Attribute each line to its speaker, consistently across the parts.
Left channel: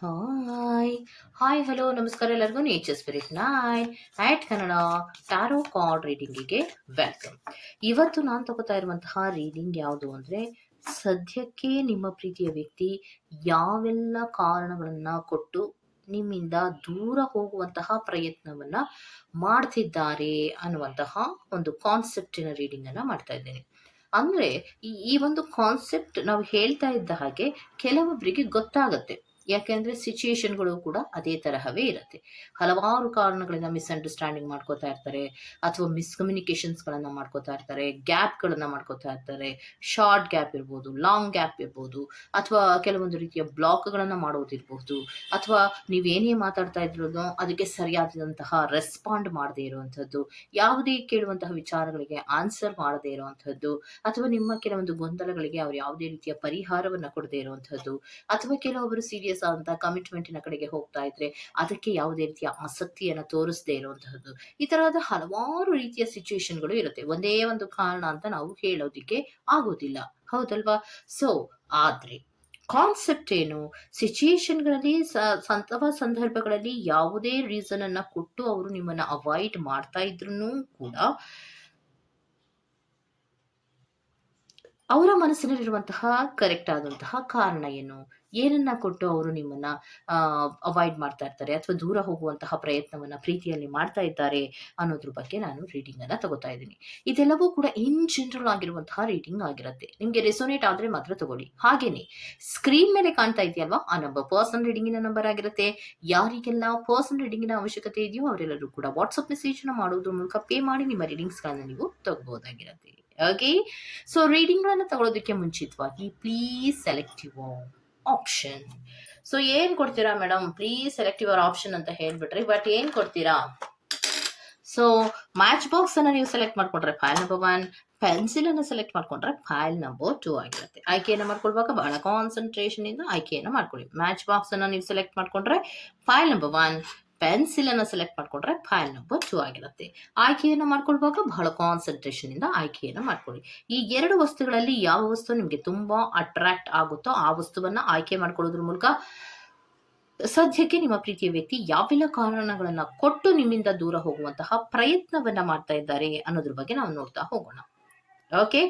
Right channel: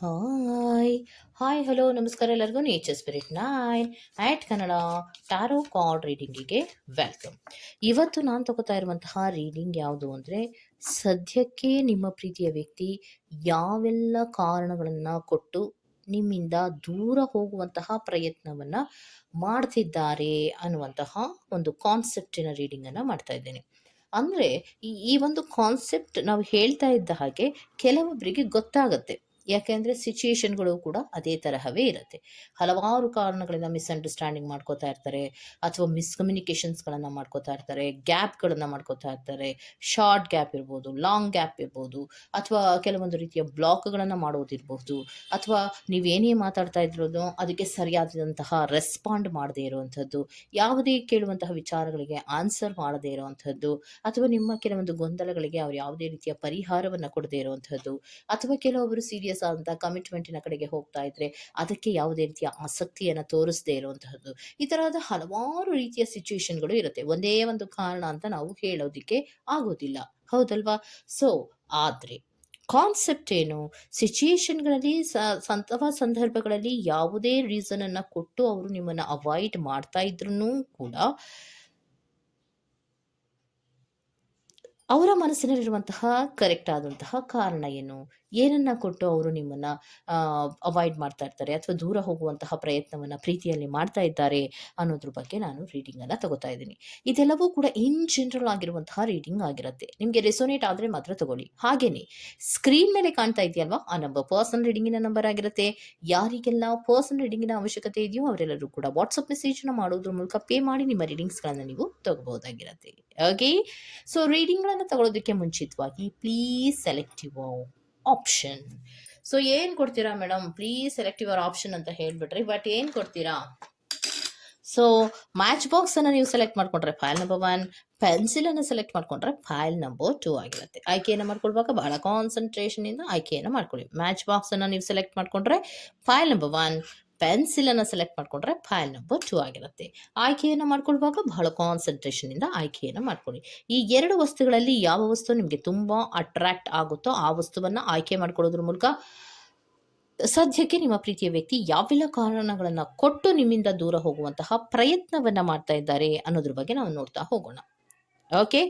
Speaker 1: Hi hi hello ನಮಸ್ಕಾರ ಎಲ್ಲರಿಗೂ. Nature spirit ನಾಯ್. ಆ್ಯಟ್ ಕನ್ನಡ ಟಾರೋ ಕಾರ್ಡ್ ರೀಡಿಂಗಿಗೆ ವೆಲ್ಕಮ್ ಇವತ್ತು ನಾನು ತಗೋತಾ ಇರುವಂತಹ ರೀಡಿಂಗ್ ಯಾವುದು ಅಂದರೆ, ಸದ್ಯಕ್ಕೆ ನಿಮ್ಮ ಪ್ರೀತಿಯ ವ್ಯಕ್ತಿ ಯಾವೆಲ್ಲ ಕಾರಣಗಳನ್ನು ಕೊಟ್ಟು ನಿಮ್ಮಿಂದ ದೂರ ಹೋಗುವಂತಹ ಪ್ರಯತ್ನವನ್ನು ಮಾಡ್ತಿದ್ದಾರೆ ಅನ್ನುವಂತಹ ಒಂದು ಕಾನ್ಸೆಪ್ಟಿನ ರೀಡಿಂಗನ್ನು ಮಾಡ್ತಾ ಇದ್ದೇನೆ. ಅಂದರೆ ಈ ಒಂದು ಕಾನ್ಸೆಪ್ಟ್ ನಾವು ಹೇಳ್ತಾ ಇದ್ದ ಹಾಗೆ ಕೆಲವೊಬ್ಬರಿಗೆ ಗೊತ್ತಾಗತ್ತೆ. ಯಾಕೆಂದರೆ ಸಿಚುಯೇಷನ್ಗಳು ಕೂಡ ಅದೇ ತರಹವೇ ಇರುತ್ತೆ. ಹಲವಾರು ಕಾರಣಗಳಿಂದ ಮಿಸ್ಅಂಡರ್ಸ್ಟ್ಯಾಂಡಿಂಗ್ ಮಾಡ್ಕೋತಾ ಇರ್ತಾರೆ, ಅಥವಾ ಮಿಸ್ಕಮ್ಯುನಿಕೇಷನ್ಸ್ಗಳನ್ನು ಮಾಡ್ಕೋತಾ ಇರ್ತಾರೆ ಗ್ಯಾಪ್ಗಳನ್ನು ಮಾಡ್ಕೋತಾ ಇರ್ತಾರೆ ಶಾರ್ಟ್ ಗ್ಯಾಪ್ ಇರ್ಬೋದು ಲಾಂಗ್ ಗ್ಯಾಪ್ ಇರ್ಬೋದು, ಅಥವಾ ಕೆಲವೊಂದು ರೀತಿಯ ಬ್ಲಾಕ್ಗಳನ್ನು ಮಾಡೋದಿರ್ಬಹುದು ಅಥವಾ ನೀವೇನೇ ಮಾತಾಡ್ತಾ ಇದ್ರೂ ಅದಕ್ಕೆ ಸರಿಯಾದಂತಹ ರೆಸ್ಪಾಂಡ್ ಮಾಡದೇ ಇರುವಂಥದ್ದು, ಯಾವುದೇ ಕೇಳುವಂತಹ ವಿಚಾರಗಳಿಗೆ ಆನ್ಸರ್ ಮಾಡದೇ ಇರುವಂಥದ್ದು, ಅಥವಾ ನಿಮ್ಮ ಕೆಲವೊಂದು ಗೊಂದಲಗಳಿಗೆ ಅವ್ರು ಯಾವುದೇ ರೀತಿಯ ಪರಿಹಾರವನ್ನು ಕೊಡದೇ ಇರುವಂಥದ್ದು, ಅಥವಾ ಕೆಲವೊಬ್ಬರು ಸೀರಿಯಸ್ ಆದಂತಹ ಕಮಿಟ್ಮೆಂಟಿನ ಕಡೆಗೆ ಹೋಗ್ತಾ ಇದ್ರೆ ಅದಕ್ಕೆ ಯಾವುದೇ ರೀತಿಯ ಆಸಕ್ತಿಯನ್ನು ತೋರಿಸದೇ ಇರುವಂತಹದ್ದು. ಈ ತರಹದ ಹಲವಾರು ರೀತಿಯ ಸಿಚುವೇಶನ್ಗಳು ಇರುತ್ತೆ. ಒಂದೇ ಒಂದು ಕಾರಣ ಅಂತ ನಾವು ಹೇಳೋದಿಕ್ಕೆ ಆಗೋದಿಲ್ಲ. ಹೌದಲ್ವಾ? ಸೊ ಆದ್ರೆ ಕಾನ್ಸೆಪ್ಟ್ ಏನು? ಸಿಚುಯೇಷನ್ಗಳಲ್ಲಿ ಅಥವಾ ಸಂದರ್ಭಗಳಲ್ಲಿ ಯಾವುದೇ ರೀಸನ್ ಅನ್ನ ಕೊಟ್ಟು ಅವರು ನಿಮ್ಮನ್ನ ಅವಾಯ್ಡ್ ಮಾಡ್ತಾ ಇದ್ರು ಕೂಡ ಅವರ ಮನಸ್ಸಿನಲ್ಲಿರುವಂತಹ ಕರೆಕ್ಟ್ ಆದಂತಹ ಕಾರಣ ಏನು? ಏನನ್ನ ಕೊಟ್ಟು ಅವರು ನಿಮ್ಮನ್ನ ಅವಾಯ್ಡ್ ಮಾಡ್ತಾ ಇರ್ತಾರೆ ಅಥವಾ ದೂರ ಹೋಗುವಂತಹ ಪ್ರಯತ್ನವನ್ನ ಪ್ರೀತಿಯಲ್ಲಿ ಮಾಡ್ತಾ ಇದ್ದಾರೆ ಅನ್ನೋದ್ರ ಬಗ್ಗೆ ನಾನು ರೀಡಿಂಗ್ ಅನ್ನ ತಗೋತಾ ಇದ್ದೀನಿ. ಇದೆಲ್ಲವೂ ಕೂಡ ಇನ್ ಜನರಲ್ ಆಗಿರುವಂತಹ ರೀಡಿಂಗ್ ಆಗಿರುತ್ತೆ. ನಿಮಗೆ ರೆಸೋನೇಟ್ ಆದ್ರೆ ಮಾತ್ರ ತಗೊಳ್ಳಿ. ಹಾಗೇನೆ ಸ್ಕ್ರೀನ್ ಮೇಲೆ ಕಾಣ್ತಾ ಇದೆಯಲ್ವಾ? ಆ ನಂಬರ್ ಪರ್ಸನ್ ರೀಡಿಂಗಿನ ನಂಬರ್ ಆಗಿರುತ್ತೆ. ಯಾರಿಗೆಲ್ಲ ಪರ್ಸನ್ ರೀಡಿಂಗಿನ ಅವಶ್ಯಕತೆ ಇದೆಯೋ ಅವರೆಲ್ಲರೂ ಕೂಡ ವಾಟ್ಸಪ್ನ ಮಾಡೋದ್ರ ಮೂಲಕ ಪೇ ಮಾಡಿ ನಿಮ್ಮ ರೀಡಿಂಗ್ಸ್ ಗಳನ್ನ ನೀವು ತಗೋಬಹುದಾಗಿರುತ್ತೆ ಓಕೆ ಸೊ ರೀಡಿಂಗ್ಗಳನ್ನು ತಗೊಳ್ಳೋದಕ್ಕೆ ಮುಂಚಿತವಾಗಿ ಪ್ಲೀಸ್ ಸೆಲೆಕ್ಟಿವ್ ಆಪ್ಷನ್ ಸೊ ಏನು ಕೊಡ್ತೀರಾ madam please select your option ಅಂತ ಹೇಳ್ಬಿಟ್ರಿ ಬಟ್ ಏನು ಕೊಡ್ತೀರಾ ಸೊ ಮ್ಯಾಚ್ ಬಾಕ್ಸ್ ಅನ್ನ ನೀವು ಸೆಲೆಕ್ಟ್ ಮಾಡ್ಕೊಂಡ್ರೆ? ಫೈಲ್ ನಂಬರ್ ಒನ್ ಪೆನ್ಸಿಲ್ ಅನ್ನು ಸೆಲೆಕ್ಟ್ ಮಾಡ್ಕೊಂಡ್ರೆ? ಫೈಲ್ ನಂಬರ್ ಟೂ ಆಗಿರುತ್ತೆ. ಆಯ್ಕೆಯನ್ನು ಮಾಡ್ಕೊಳ್ವಾಗ ಬಹಳ ಕಾನ್ಸಂಟ್ರೇಷನ್ ಇಂದ ಆಯ್ಕೆಯನ್ನು ಮಾಡ್ಕೊಳ್ಳಿ. ಮ್ಯಾಚ್ ಬಾಕ್ಸ್ ಅನ್ನ ನೀವು ಸೆಲೆಕ್ಟ್ ಮಾಡ್ಕೊಂಡ್ರೆ? ಫೈಲ್ ನಂಬರ್ ಒನ್ ಪೆನ್ಸಿಲ್ ಅನ್ನು ಸೆಲೆಕ್ಟ್ ಮಾಡ್ಕೊಂಡ್ರೆ ಫೈಲ್ ನಂಬರ್ ಟೂ ಆಗಿರುತ್ತೆ. ಆಯ್ಕೆಯನ್ನು ಮಾಡ್ಕೊಳ್ಳುವಾಗ ಬಹಳ ಕಾನ್ಸಂಟ್ರೇಷನ್ ಇಂದ ಆಯ್ಕೆಯನ್ನು ಮಾಡ್ಕೊಳ್ಳಿ ಈ ಎರಡು ವಸ್ತುಗಳಲ್ಲಿ ಯಾವ ವಸ್ತು ನಿಮಗೆ ತುಂಬಾ ಅಟ್ರಾಕ್ಟ್ ಆಗುತ್ತೋ ಆ ವಸ್ತುವನ್ನ ಆಯ್ಕೆ ಮಾಡ್ಕೊಳ್ಳೋದ್ರ ಮೂಲಕ ಸದ್ಯಕ್ಕೆ ನಿಮ್ಮ ಪ್ರೀತಿಯ ವ್ಯಕ್ತಿ ಯಾವೆಲ್ಲ ಕಾರಣಗಳನ್ನು ಕೊಟ್ಟು ನಿಮ್ಮಿಂದ ದೂರ ಹೋಗುವಂತಹ ಪ್ರಯತ್ನವನ್ನ ಮಾಡ್ತಾ ಇದ್ದಾರೆ ಅನ್ನೋದ್ರ ಬಗ್ಗೆ ನಾವು ನೋಡ್ತಾ ಹೋಗೋಣ. ಓಕೆ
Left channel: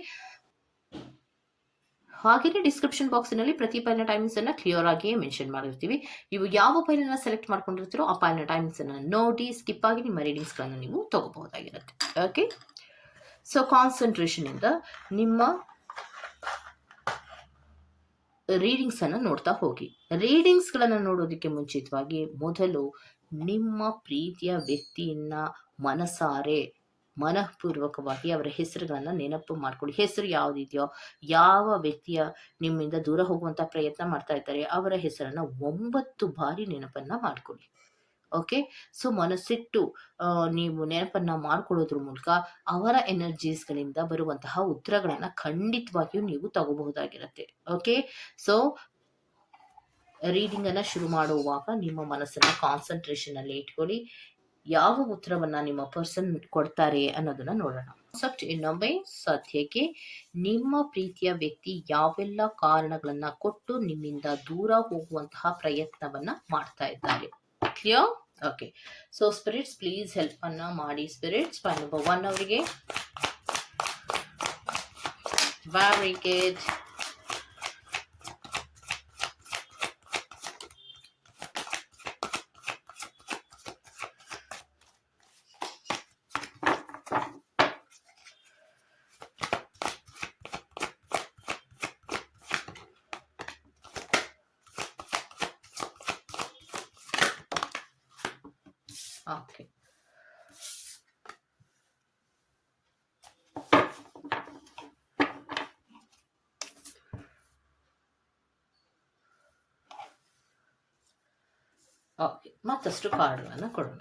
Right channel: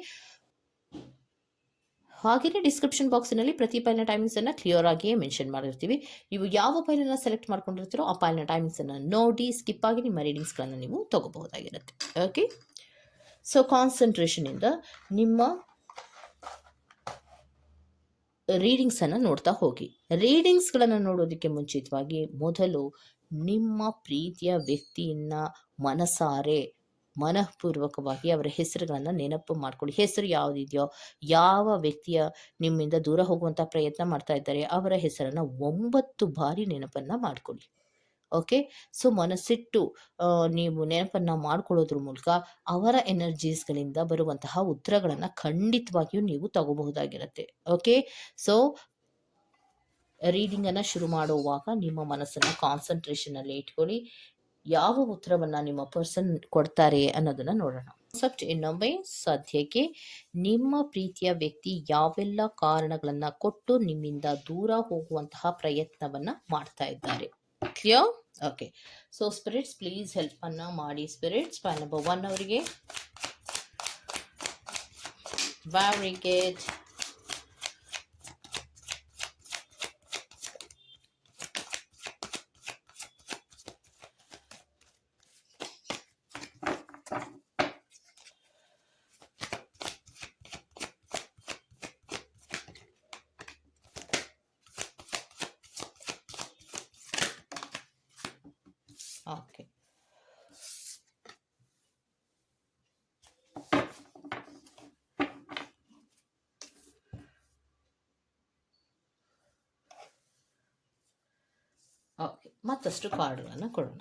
Speaker 1: ಹಾಗೆಯೇ ಡಿಸ್ಕ್ರಿಪ್ಷನ್ ಬಾಕ್ಸ್ನಲ್ಲಿ ಪ್ರತಿ ಫೈಲ್ನ ಟೈಮಿಂಗ್ಸ್ ಅನ್ನ ಕ್ಲಿಯರ್ ಆಗಿಯೇ ಮೆನ್ಷನ್ ಮಾಡಿರ್ತೀವಿ. ನೀವು ಯಾವ ಫೈಲನ್ನು ಸೆಲೆಕ್ಟ್ ಮಾಡ್ಕೊಂಡಿರ್ತೀರೋ ಆ ಫೈಲ್ನ ಟೈಮಿಂಗ್ಸ್ ಅನ್ನ ನೋಡಿ ಸ್ಕಿಪ್ ಆಗಿ ನಿಮ್ಮ ರೀಡಿಂಗ್ಸ್ಗಳನ್ನು ನೀವು ತಗೋಬಹುದಾಗಿರುತ್ತೆ. ಓಕೆ ಸೊ ಕಾನ್ಸಂಟ್ರೇಷನಿಂದ ನಿಮ್ಮ ರೀಡಿಂಗ್ಸ್ ಅನ್ನ ನೋಡ್ತಾ ಹೋಗಿ. ರೀಡಿಂಗ್ಸ್ಗಳನ್ನು ನೋಡೋದಕ್ಕೆ ಮುಂಚಿತವಾಗಿ ಮೊದಲು ನಿಮ್ಮ ಪ್ರೀತಿಯ ವ್ಯಕ್ತಿಯನ್ನ ಮನಸಾರೆ ಮನಃಪೂರ್ವಕವಾಗಿ ಅವರ ಹೆಸರುಗಳನ್ನು ನೆನಪು ಮಾಡ್ಕೊಳ್ಳಿ. ಹೆಸರು ಯಾವುದಿದೆಯೋ, ಯಾವ ವ್ಯಕ್ತಿಯ ನಿಮ್ಮಿಂದ ದೂರ ಹೋಗುವಂಥ ಪ್ರಯತ್ನ ಮಾಡ್ತಾ ಇದ್ದಾರೆ, ಅವರ ಹೆಸರನ್ನು ಒಂಬತ್ತು ಬಾರಿ ನೆನಪನ್ನ ಮಾಡ್ಕೊಳ್ಳಿ. ಓಕೆ? ಸೊ, ಮನಸ್ಸಿಟ್ಟು ನೀವು ನೆನಪನ್ನ ಮಾಡ್ಕೊಳ್ಳೋದ್ರ ಮೂಲಕ ಅವರ ಎನರ್ಜೀಸ್ಗಳಿಂದ ಬರುವಂತಹ ಉತ್ತರಗಳನ್ನು ಖಂಡಿತವಾಗಿಯೂ ನೀವು ತಗೋಬಹುದಾಗಿರುತ್ತೆ. ಓಕೆ? ಸೊ ರೀಡಿಂಗನ್ನು ಶುರು ಮಾಡುವಾಗ ನಿಮ್ಮ ಮನಸ್ಸನ್ನು ಕಾನ್ಸಂಟ್ರೇಷನಲ್ಲಿ ಇಟ್ಕೊಳ್ಳಿ. ಯಾವ ಉತ್ತರವನ್ನ ನಿಮ್ಮ ಪರ್ಸನ್ ಕೊಡ್ತಾರೆ ಅನ್ನೋದನ್ನ ನೋಡೋಣ. ಕಾನ್ಸೆಪ್ಟ್ ಇನ್ನೊಮ್ಮೆ, ಸದ್ಯಕ್ಕೆ ನಿಮ್ಮ ಪ್ರೀತಿಯ ವ್ಯಕ್ತಿ ಯಾವೆಲ್ಲ ಕಾರಣಗಳನ್ನ ಕೊಟ್ಟು ನಿಮ್ಮಿಂದ ದೂರ ಹೋಗುವಂತಹ ಪ್ರಯತ್ನವನ್ನ ಮಾಡ್ತಾ ಇದ್ದಾರೆ. Clear okay so spirits please help ಅನ್ನ ಮಾಡಿ. ಸ್ಪಿರಿಟ್ಸ್ ನಂಬರ್ ಒನ್ ಅವರಿಗೆ. ಬ್ಯಾರಿಕೇಡ್ ಓಕೆ ಮತ್ತಷ್ಟು ಕಾರ್ಡ್ಗಳನ್ನು ಕೊಡೋಣ.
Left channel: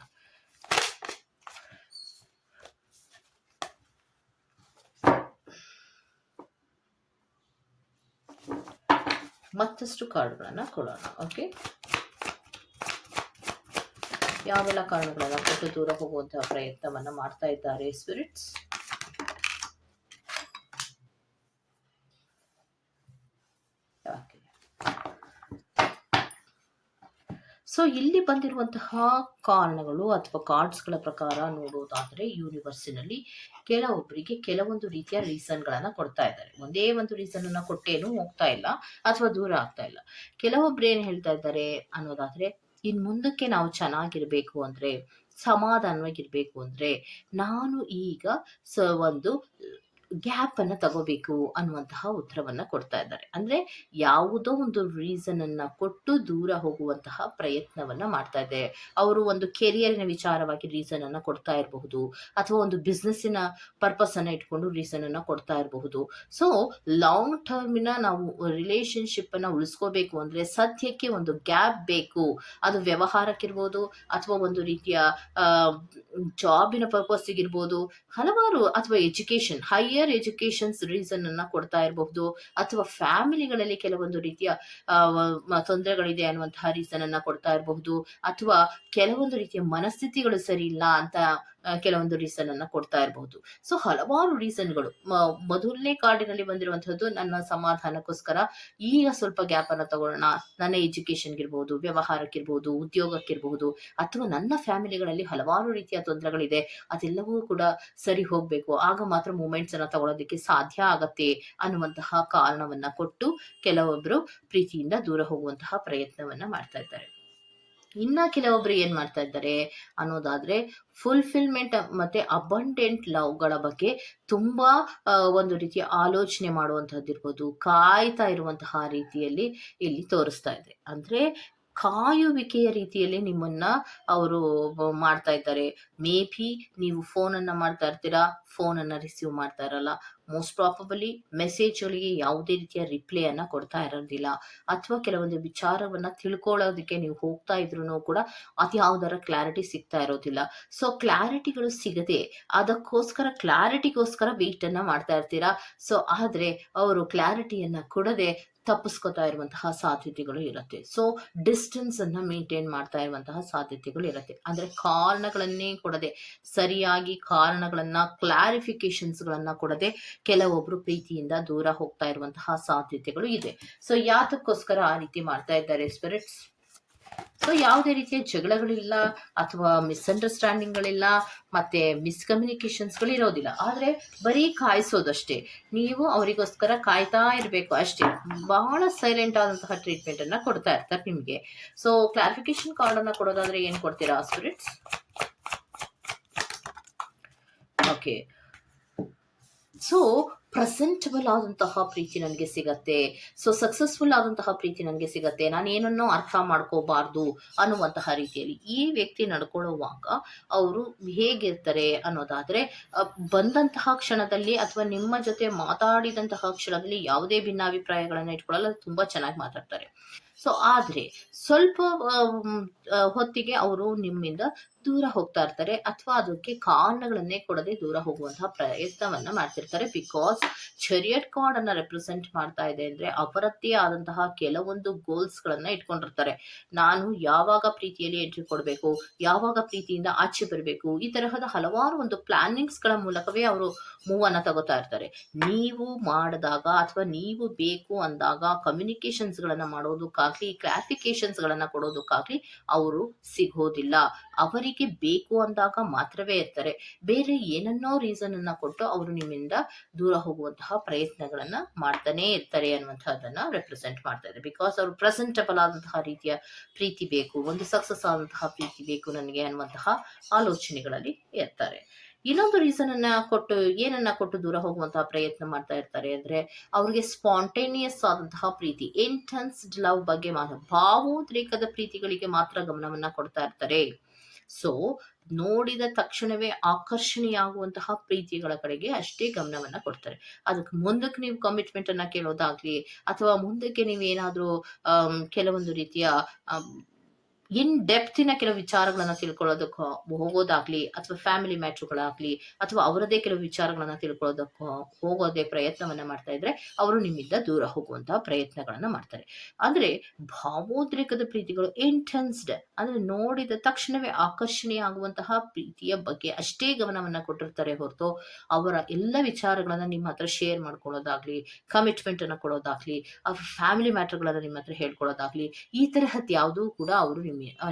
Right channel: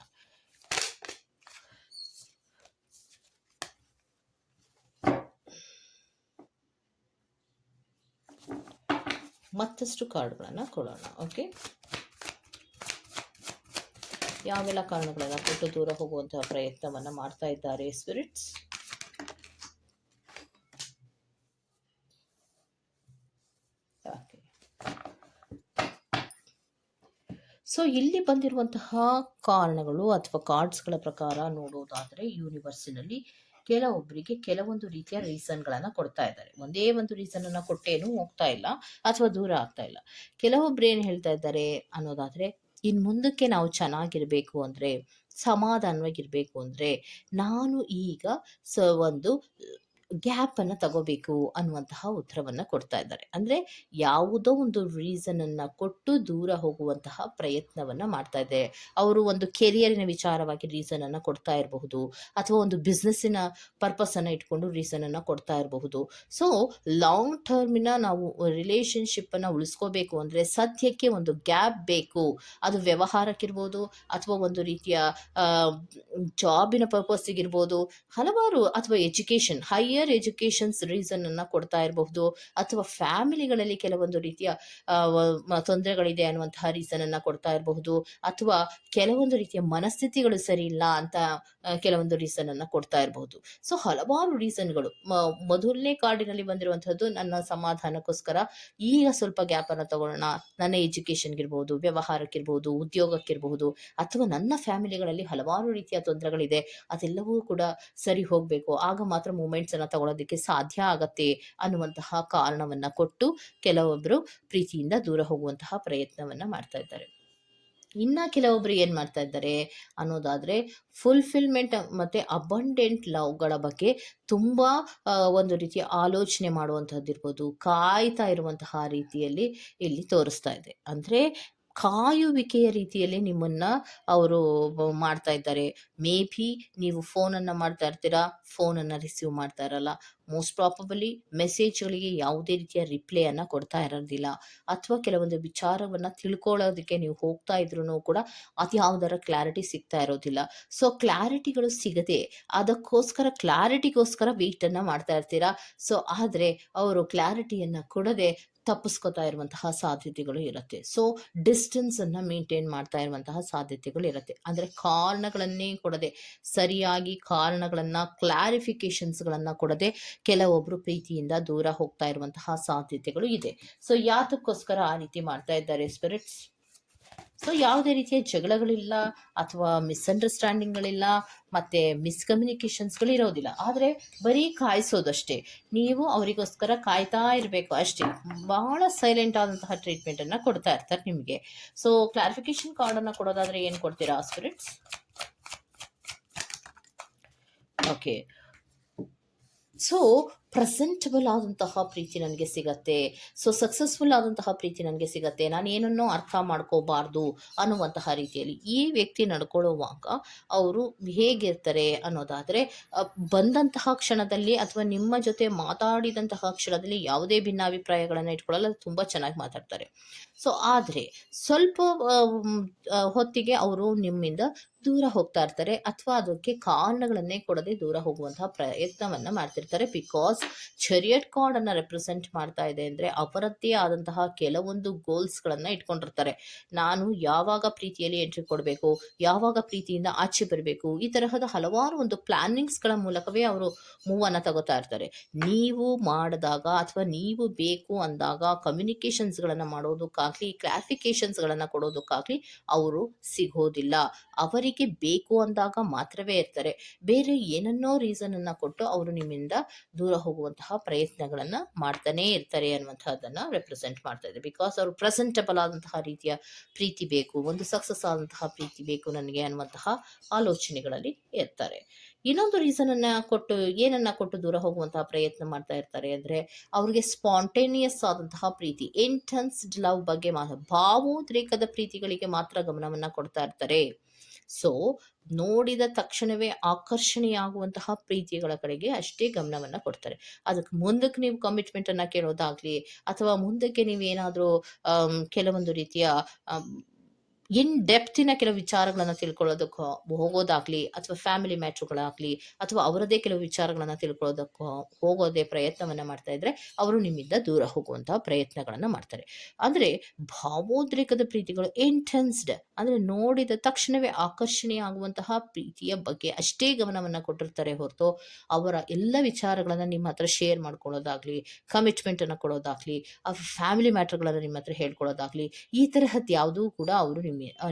Speaker 1: ಮತ್ತಷ್ಟು ಕಾರ್ಡ್ಗಳನ್ನು ಕೊಡೋಣ ಓಕೆ ಯಾವೆಲ್ಲ ಕಾರಣಗಳನ್ನು ಕೊಟ್ಟು ದೂರ ಹೋಗುವಂತಹ ಪ್ರಯತ್ನವನ್ನ ಮಾಡ್ತಾ ಇದ್ದಾರೆ ಸ್ಪಿರಿಟ್ಸ್ ಓಕೆ ಸೊ ಇಲ್ಲಿ ಬಂದಿರುವಂತಹ ಕಾರಣಗಳು ಅಥವಾ ಕಾರ್ಡ್ಸ್ಗಳ ಪ್ರಕಾರ ನೋಡೋದಾದರೆ ಯೂನಿವರ್ಸಿನಲ್ಲಿ ಕೆಲವೊಬ್ಬರಿಗೆ ಕೆಲವೊಂದು ರೀತಿಯ ರೀಸನ್ಗಳನ್ನು ಕೊಡ್ತಾ ಇದ್ದಾರೆ. ಒಂದೇ ಒಂದು ರೀಸನನ್ನು ಕೊಟ್ಟೇನು ಹೋಗ್ತಾ ಇಲ್ಲ ಅಥವಾ ದೂರ ಆಗ್ತಾ ಇಲ್ಲ. ಕೆಲವೊಬ್ರು ಏನು ಹೇಳ್ತಾ ಇದ್ದಾರೆ ಅನ್ನೋದಾದರೆ ಇನ್ನು ಮುಂದಕ್ಕೆ ನಾವು ಚೆನ್ನಾಗಿರಬೇಕು ಅಂದರೆ, ಸಮಾಧಾನವಾಗಿರಬೇಕು ಅಂದರೆ, ನಾನು ಈಗ ಸ ಒಂದು ಗ್ಯಾಪನ್ನು ತಗೋಬೇಕು ಅನ್ನುವಂತಹ ಉತ್ತರವನ್ನು ಕೊಡ್ತಾ ಇದ್ದಾರೆ. ಅಂದರೆ ಯಾವುದೋ ಒಂದು ರೀಸನನ್ನು ಕೊಟ್ಟು ದೂರ ಹೋಗುವಂತಹ ಪ್ರಯತ್ನವನ್ನು ಮಾಡ್ತಾ ಇದೆ. ಅವರು ಒಂದು ಕೆರಿಯರಿನ ವಿಚಾರವಾಗಿ ರೀಸನನ್ನು ಕೊಡ್ತಾ ಇರಬಹುದು, ಅಥವಾ ಒಂದು ಬಿಸ್ನೆಸ್ಸಿನ ಪರ್ಪಸನ್ನು ಇಟ್ಕೊಂಡು ರೀಸನನ್ನು ಕೊಡ್ತಾ ಇರಬಹುದು. ಸೊ ಲಾಂಗ್ ಟರ್ಮಿನ ನಾವು ರಿಲೇಷನ್ಶಿಪ್ಪನ್ನು ಉಳಿಸ್ಕೋಬೇಕು ಅಂದರೆ ಸದ್ಯಕ್ಕೆ ಒಂದು ಗ್ಯಾಪ್ ಬೇಕು. ಅದು ವ್ಯವಹಾರಕ್ಕಿರ್ಬೋದು, ಅಥವಾ ಒಂದು ರೀತಿಯ ಜಾಬಿನ ಪರ್ಪಸ್ಸಿಗಿರ್ಬೋದು ಹಲವಾರು, ಅಥವಾ ಎಜುಕೇಷನ್ ಹೈಯರ್ ಎಜುಕೇಷನ್ಸ್ ಅನ್ನ ಕೊಡ್ತಾ ಇರಬಹುದು. ಅಥವಾ ಫ್ಯಾಮಿಲಿಗಳಲ್ಲಿ ಕೆಲವೊಂದು ರೀತಿಯ ತೊಂದರೆಗಳಿದೆ ಅನ್ನುವಂತಹ ಅನ್ನ ಕೊಡ್ತಾ ಇರಬಹುದು. ಅಥವಾ ಕೆಲವೊಂದು ರೀತಿಯ ಮನಸ್ಥಿತಿಗಳು ಸರಿ ಇಲ್ಲ ಅಂತ ಕೆಲವೊಂದು ರೀಸನ್ ಅನ್ನ ಕೊಡ್ತಾ ಇರಬಹುದು. ಸೊ ಹಲವಾರು ರೀಸನ್ಗಳು ಮೊದಲನೇ ಕಾರ್ಡಿನಲ್ಲಿ ಬಂದಿರುವಂತಹದ್ದು ನನ್ನ ಸಮಾಧಾನಕ್ಕೋಸ್ಕರ ಈಗ ಸ್ವಲ್ಪ ಗ್ಯಾಪ್ ಅನ್ನ ತಗೊಳ್ಳೋಣ. ನನ್ನ ಎಜುಕೇಶನ್ಗಿರ್ಬಹುದು ವ್ಯವಹಾರಕ್ಕಿರ್ಬಹುದು ಉದ್ಯೋಗಕ್ಕಿರಬಹುದು ಅಥವಾ ನನ್ನ ಫ್ಯಾಮಿಲಿಗಳಲ್ಲಿ ಹಲವಾರು ರೀತಿಯ ತೊಂದರೆಗಳಿದೆ. ಅದೆಲ್ಲವೂ ಕೂಡ ಸರಿ ಹೋಗಬೇಕು. ಆಗ ಮಾತ್ರ ಮೂಮೆಂಟ್ಸ್ ಅನ್ನ ತಗೊಳ್ಳೋದಕ್ಕೆ ಸಾಧ್ಯ ಆಗತ್ತೆ ಅನ್ನುವಂತಹ ಕಾರಣವನ್ನ ಕೊಟ್ಟು ಕೆಲವೊಬ್ಬರು ಪ್ರೀತಿಯಿಂದ ದೂರ ಹೋಗುವಂತಹ ಪ್ರಯತ್ನವನ್ನ ಮಾಡ್ತಾ ಇದ್ದಾರೆ. ಇನ್ನ ಕೆಲವೊಬ್ರು ಏನ್ ಮಾಡ್ತಾ ಇದ್ದಾರೆ ಅನ್ನೋದಾದ್ರೆ ಫುಲ್ಫಿಲ್ಮೆಂಟ್ ಮತ್ತೆ ಅಬಂಡೆಂಟ್ ಲವ್ಗಳ ಬಗ್ಗೆ ತುಂಬಾ ಒಂದು ರೀತಿಯ ಆಲೋಚನೆ ಮಾಡುವಂತಹದ್ದು ಇರ್ಬೋದು ಕಾಯ್ತಾ ಇರುವಂತಹ ರೀತಿಯಲ್ಲಿ ಇಲ್ಲಿ ತೋರಿಸ್ತಾ ಇದೆ. ಅಂದ್ರೆ ಕಾಯುವಿಕೆಯ ರೀತಿಯಲ್ಲಿ ನಿಮ್ಮನ್ನ ಅವರು ಮಾಡ್ತಾ ಇದ್ದಾರೆ. ಮೇ ಬಿ ನೀವು ಫೋನನ್ನ ಮಾಡ್ತಾ ಇರ್ತೀರಾ? ಫೋನನ್ನು ರಿಸೀವ್ ಮಾಡ್ತಾ ಇರಲ್ಲ. ಮೋಸ್ಟ್ ಪ್ರಾಬಬಲಿ ಮೆಸೇಜ್ಗಳಿಗೆ ಯಾವುದೇ ರೀತಿಯ ರಿಪ್ಲೈಯನ್ನು ಕೊಡ್ತಾ ಇರೋದಿಲ್ಲ. ಅಥವಾ ಕೆಲವೊಂದು ವಿಚಾರವನ್ನು ತಿಳ್ಕೊಳ್ಳೋದಕ್ಕೆ ನೀವು ಹೋಗ್ತಾ ಇದ್ರೂ ಕೂಡ ಅದು ಯಾವುದರ ಕ್ಲಾರಿಟಿ ಸಿಗ್ತಾ ಇರೋದಿಲ್ಲ. ಸೊ ಕ್ಲಾರಿಟಿಗಳು ಸಿಗದೆ ಅದಕ್ಕೋಸ್ಕರ ಕ್ಲಾರಿಟಿಗೋಸ್ಕರ ವೇಟನ್ನು ಮಾಡ್ತಾ ಇರ್ತೀರಾ? ಸೊ ಆದರೆ ಅವರು ಕ್ಲಾರಿಟಿಯನ್ನು ಕೊಡದೆ ತಪ್ಪಿಸ್ಕೊತಾ ಇರುವಂತಹ ಸಾಧ್ಯತೆಗಳು ಇರುತ್ತೆ. ಸೊ ಡಿಸ್ಟೆನ್ಸ್ ಅನ್ನ ಮೇಂಟೈನ್ ಮಾಡ್ತಾ ಇರುವಂತಹ ಸಾಧ್ಯತೆಗಳು ಇರುತ್ತೆ. ಅಂದ್ರೆ ಕಾರಣಗಳನ್ನೇ ಕೊಡದೆ, ಸರಿಯಾಗಿ ಕಾರಣಗಳನ್ನ ಕ್ಲಾರಿಫಿಕೇಶನ್ಸ್ ಗಳನ್ನ ಕೊಡದೆ ಕೆಲವೊಬ್ರು ಪ್ರೀತಿಯಿಂದ ದೂರ ಹೋಗ್ತಾ ಇರುವಂತಹ ಸಾಧ್ಯತೆಗಳು ಇದೆ. ಸೊ ಯಾತಕ್ಕೋಸ್ಕರ ಆ ರೀತಿ ಮಾಡ್ತಾ ಇದ್ದಾರೆ ಸ್ಪಿರಿಟ್ಸ್ ಸೊ ಯಾವುದೇ ರೀತಿಯ ಜಗಳಗಳಿಲ್ಲ ಅಥವಾ ಮಿಸ್ಅಂಡರ್ಸ್ಟ್ಯಾಂಡಿಂಗ್ಗಳಿಲ್ಲ ಮತ್ತೆ ಮಿಸ್ಕಮ್ಯುನಿಕೇಶನ್ಸ್ಗಳು ಇರೋದಿಲ್ಲ ಆದರೆ ಬರೀ ಕಾಯಿಸೋದಷ್ಟೇ. ನೀವು ಅವರಿಗೋಸ್ಕರ ಕಾಯ್ತಾ ಇರಬೇಕು ಅಷ್ಟೇ. ಬಹಳ ಸೈಲೆಂಟ್ ಆದಂತಹ ಟ್ರೀಟ್ಮೆಂಟನ್ನು ಕೊಡ್ತಾ ಇರ್ತಾರೆ ನಿಮಗೆ. ಸೊ ಕ್ಲಾರಿಫಿಕೇಶನ್ ಕಾರ್ಡನ್ನು ಕೊಡೋದಾದ್ರೆ ಏನು ಕೊಡ್ತೀರಾ ಸ್ಪಿರಿಟ್ಸ್ ಓಕೆ ಸೊ ಪ್ರೆಸೆಂಟಬಲ್ ಆದಂತಹ ಪ್ರೀತಿ ನನಗೆ ಸಿಗತ್ತೆ. ಸೊ ಸಕ್ಸಸ್ಫುಲ್ ಆದಂತಹ ಪ್ರೀತಿ ನನಗೆ ಸಿಗತ್ತೆ. ನಾನು ಏನನ್ನೋ ಅರ್ಥ ಮಾಡ್ಕೋಬಾರ್ದು ಅನ್ನುವಂತಹ ರೀತಿಯಲ್ಲಿ ಈ ವ್ಯಕ್ತಿ ನಡ್ಕೊಳ್ಳುವಾಗ ಅವರು ಹೇಗಿರ್ತಾರೆ ಅನ್ನೋದಾದರೆ ಬಂದಂತಹ ಕ್ಷಣದಲ್ಲಿ ಅಥವಾ ನಿಮ್ಮ ಜೊತೆ ಮಾತಾಡಿದಂತಹ ಕ್ಷಣದಲ್ಲಿ ಯಾವುದೇ ಭಿನ್ನಾಭಿಪ್ರಾಯಗಳನ್ನು ಇಟ್ಕೊಳ್ಳಲ್ಲ ತುಂಬ ಚೆನ್ನಾಗಿ ಮಾತಾಡ್ತಾರೆ. ಸೊ ಆದರೆ ಸ್ವಲ್ಪ ಹೊತ್ತಿಗೆ ಅವರು ನಿಮ್ಮಿಂದ ದೂರ ಹೋಗ್ತಾ ಇರ್ತಾರೆ ಅಥವಾ ಅದಕ್ಕೆ ಕಾರಣಗಳನ್ನೇ ಕೊಡದೆ ದೂರ ಹೋಗುವಂತಹ ಪ್ರಯತ್ನವನ್ನ ಮಾಡ್ತಿರ್ತಾರೆ. ಬಿಕಾಸ್ ಚರಿಯಟ್ ಕಾರ್ಡ್ ಅನ್ನ ರೆಪ್ರೆಸೆಂಟ್ ಮಾಡ್ತಾ ಇದೆ ಅಂದ್ರೆ ಅವರದ್ದೇ ಆದಂತಹ ಕೆಲವೊಂದು ಗೋಲ್ಸ್ ಗಳನ್ನ ಇಟ್ಕೊಂಡಿರ್ತಾರೆ. ನಾನು ಯಾವಾಗ ಪ್ರೀತಿಯಲ್ಲಿ ಎಂಟ್ರಿ ಕೊಡಬೇಕು, ಯಾವಾಗ ಪ್ರೀತಿಯಿಂದ ಆಚೆ ಬರಬೇಕು, ಈ ತರಹದ ಹಲವಾರು ಒಂದು ಪ್ಲಾನಿಂಗ್ಸ್ಗಳ ಮೂಲಕವೇ ಅವರು ಮೂವ್ ತಗೋತಾ ಇರ್ತಾರೆ. ನೀವು ಮಾಡಿದಾಗ ಅಥವಾ ನೀವು ಬೇಕು ಅಂದಾಗ ಕಮ್ಯುನಿಕೇಶನ್ಸ್ ಗಳನ್ನ ಮಾಡೋದಕ್ಕಾಗ್ಲಿ ಕ್ಲಾರಿಫಿಕೇಶನ್ಸ್ ಗಳನ್ನ ಕೊಡೋದಕ್ಕಾಗ್ಲಿ ಅವರು ಸಿಗೋದಿಲ್ಲ. ಅವರಿಗೆ ಬೇಕು ಅಂದಾಗ ಮಾತ್ರವೇ ಇರ್ತಾರೆ. ಬೇರೆ ಏನನ್ನೋ ರೀಸನ್ ಅನ್ನ ಕೊಟ್ಟು ಅವರು ನಿಮ್ಮಿಂದ ದೂರ ಹೋಗುವಂತಹ ಪ್ರಯತ್ನಗಳನ್ನ ಮಾಡ್ತಾನೆ ಇರ್ತಾರೆ ಅನ್ನುವಂಥದ್ದನ್ನು ರೆಪ್ರೆಸೆಂಟ್ ಮಾಡ್ತಾ ಇದೆ ಬಿಕಾಸ್ ಅವರು ಪ್ರೆಸೆಂಟಬಲ್ ಆದಂತಹ ರೀತಿಯ ಪ್ರೀತಿ ಬೇಕು, ಒಂದು ಸಕ್ಸಸ್ ಆದಂತಹ ಪ್ರೀತಿ ಬೇಕು ನನಗೆ ಅನ್ನುವಂತಹ ಆಲೋಚನೆಗಳಲ್ಲಿ ಇರ್ತಾರೆ. ಇನ್ನೊಂದು ರೀಸನ್ ಅನ್ನ ಕೊಟ್ಟು, ಏನನ್ನ ಕೊಟ್ಟು ದೂರ ಹೋಗುವಂತಹ ಪ್ರಯತ್ನ ಮಾಡ್ತಾ ಇರ್ತಾರೆ ಅಂದ್ರೆ, ಅವ್ರಿಗೆ ಸ್ಪಾಂಟೇನಿಯಸ್ ಆದಂತಹ ಪ್ರೀತಿ ಇಂಟೆನ್ಸ್ಡ್ ಲವ್ ಬಗ್ಗೆ ಮಾತ್ರ, ಭಾವೋದ್ರೇಕದ ಪ್ರೀತಿಗಳಿಗೆ ಮಾತ್ರ ಗಮನವನ್ನ ಕೊಡ್ತಾ ಇರ್ತಾರೆ. ಸೊ ನೋಡಿದ ತಕ್ಷಣವೇ ಆಕರ್ಷಣೆಯಾಗುವಂತಹ ಪ್ರೀತಿಗಳ ಕಡೆಗೆ ಅಷ್ಟೇ ಗಮನವನ್ನ ಕೊಡ್ತಾರೆ. ಅದಕ್ಕೆ ಮುಂದಕ್ಕೆ ನೀವು ಕಮಿಟ್ಮೆಂಟ್ ಅನ್ನ ಕೇಳೋದಾಗ್ಲಿ, ಅಥವಾ ಮುಂದಕ್ಕೆ ನೀವು ಏನಾದರೂ ಕೆಲವೊಂದು ರೀತಿಯ ಇನ್ ಡೆಪ್ತಿನ ಕೆಲವು ವಿಚಾರಗಳನ್ನ ತಿಳ್ಕೊಳ್ಳೋದಕ್ಕೋ, ಹೋಗೋದಾಗ್ಲಿ ಅಥವಾ ಫ್ಯಾಮಿಲಿ ಮ್ಯಾಟ್ರುಗಳಾಗ್ಲಿ ಅಥವಾ ಅವರದೇ ಕೆಲವು ವಿಚಾರಗಳನ್ನ ತಿಳ್ಕೊಳ್ಳೋದಕ್ಕೋ ಹೋಗೋದೇ ಪ್ರಯತ್ನವನ್ನ ಮಾಡ್ತಾ ಇದ್ರೆ ಅವರು ನಿಮ್ಮಿಂದ ದೂರ ಹೋಗುವಂತಹ ಪ್ರಯತ್ನಗಳನ್ನ ಮಾಡ್ತಾರೆ. ಅಂದ್ರೆ ಭಾವೋದ್ರೇಕದ ಪ್ರೀತಿಗಳು ಇಂಟೆನ್ಸ್ಡ್ ಅಂದ್ರೆ ನೋಡಿದ ತಕ್ಷಣವೇ ಆಕರ್ಷಣೀಯ ಆಗುವಂತಹ ಪ್ರೀತಿಯ ಬಗ್ಗೆ ಅಷ್ಟೇ ಗಮನವನ್ನ ಕೊಟ್ಟಿರ್ತಾರೆ ಹೊರತು ಅವರ ಎಲ್ಲ ವಿಚಾರಗಳನ್ನ ನಿಮ್ಮ ಹತ್ರ ಶೇರ್ ಮಾಡ್ಕೊಳ್ಳೋದಾಗ್ಲಿ ಕಮಿಟ್ಮೆಂಟ್ ಅನ್ನ ಕೊಡೋದಾಗ್ಲಿ ಅವ್ರ ಫ್ಯಾಮಿಲಿ ಮ್ಯಾಟರ್ಗಳನ್ನ ನಿಮ್ಮ ಹತ್ರ ಹೇಳ್ಕೊಳ್ಳೋದಾಗ್ಲಿ, ಈ ತರಹದ್ದು ಯಾವುದೂ ಕೂಡ ಅವರು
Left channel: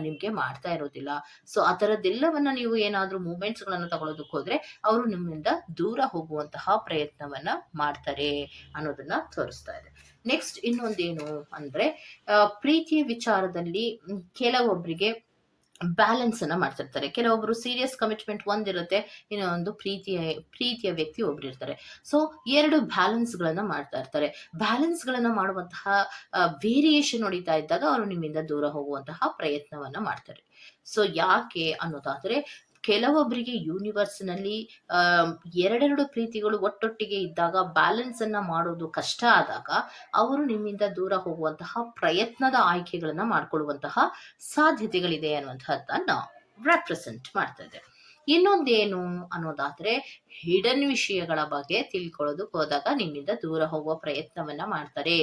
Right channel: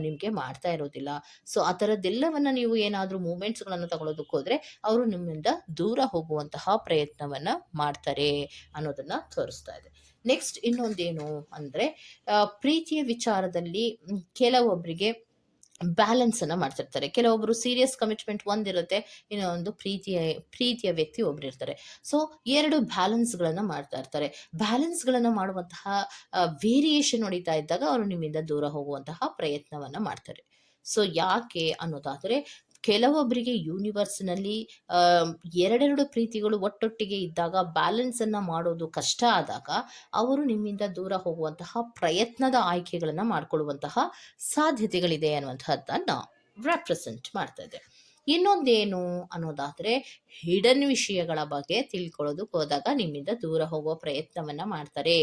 Speaker 1: ನಿಮ್ಗೆ ಮಾಡ್ತಾ ಇರೋದಿಲ್ಲ. ಸೊ ಆ ಥರದ್ದೆಲ್ಲವನ್ನು ನೀವು ಏನಾದರೂ ಮೂಮೆಂಟ್ಸ್ಗಳನ್ನು ತಗೊಳ್ಳೋದಕ್ಕೆ ಹೋದರೆ ಅವರು ನಿಮ್ಮಿಂದ ದೂರ ಹೋಗುವಂತಹ ಪ್ರಯತ್ನವನ್ನ ಮಾಡ್ತಾರೆ ಅನ್ನೋದನ್ನ ತೋರಿಸ್ತಾ ಇದೆ. ನೆಕ್ಸ್ಟ್ ಇನ್ನೊಂದೇನು ಅಂದರೆ ಪ್ರೀತಿಯ ವಿಚಾರದಲ್ಲಿ ಕೆಲವೊಬ್ಬರಿಗೆ ಬ್ಯಾಲೆನ್ಸ್ ಅನ್ನ ಮಾಡ್ತಿರ್ತಾರೆ. ಕೆಲವೊಬ್ರು ಸೀರಿಯಸ್ ಕಮಿಟ್ಮೆಂಟ್ ಒಂದಿರುತ್ತೆ, ಇನ್ನೊಂದು ಪ್ರೀತಿಯ ಪ್ರೀತಿಯ ವ್ಯಕ್ತಿ ಒಬ್ರು ಇರ್ತಾರೆ ಸೊ ಎರಡು ಬ್ಯಾಲೆನ್ಸ್ಗಳನ್ನ ಮಾಡ್ತಾ ಇರ್ತಾರೆ. ಬ್ಯಾಲೆನ್ಸ್ಗಳನ್ನ ಮಾಡುವಂತಹ ವೇರಿಯೇಷನ್ ಹೊಡಿತಾ ಇದ್ದಾಗ ಅವರು ನಿಮ್ಮಿಂದ ದೂರ ಹೋಗುವಂತಹ ಪ್ರಯತ್ನವನ್ನ ಮಾಡ್ತಾರೆ. ಸೊ ಯಾಕೆ ಅನ್ನೋದಾದ್ರೆ ಕೆಲವೊಬ್ಬರಿಗೆ ಯೂನಿವರ್ಸ್ನಲ್ಲಿ ಎರಡೆರಡು ಪ್ರೀತಿಗಳು ಒಟ್ಟೊಟ್ಟಿಗೆ ಇದ್ದಾಗ ಬ್ಯಾಲೆನ್ಸ್ ಅನ್ನ ಮಾಡೋದು ಕಷ್ಟ ಆದಾಗ, ಅವರು ನಿಮ್ಮಿಂದ ದೂರ ಹೋಗುವಂತಹ ಪ್ರಯತ್ನದ ಆಯ್ಕೆಗಳನ್ನ ಮಾಡ್ಕೊಳ್ಳುವಂತಹ ಸಾಧ್ಯತೆಗಳಿದೆ ಅನ್ನುವಂತಹದ್ದನ್ನ ರೆಪ್ರೆಸೆಂಟ್ ಮಾಡ್ತಾ ಇದೆ ಇನ್ನೊಂದೇನು ಅನ್ನೋದಾದರೆ ಹಿಡನ್ ವಿಷಯಗಳ ಬಗ್ಗೆ ತಿಳ್ಕೊಳ್ಳೋದಕ್ಕೆ ಹೋದಾಗ ನಿಮ್ಮಿಂದ ದೂರ ಹೋಗುವ ಪ್ರಯತ್ನವನ್ನ ಮಾಡ್ತಾರೆ.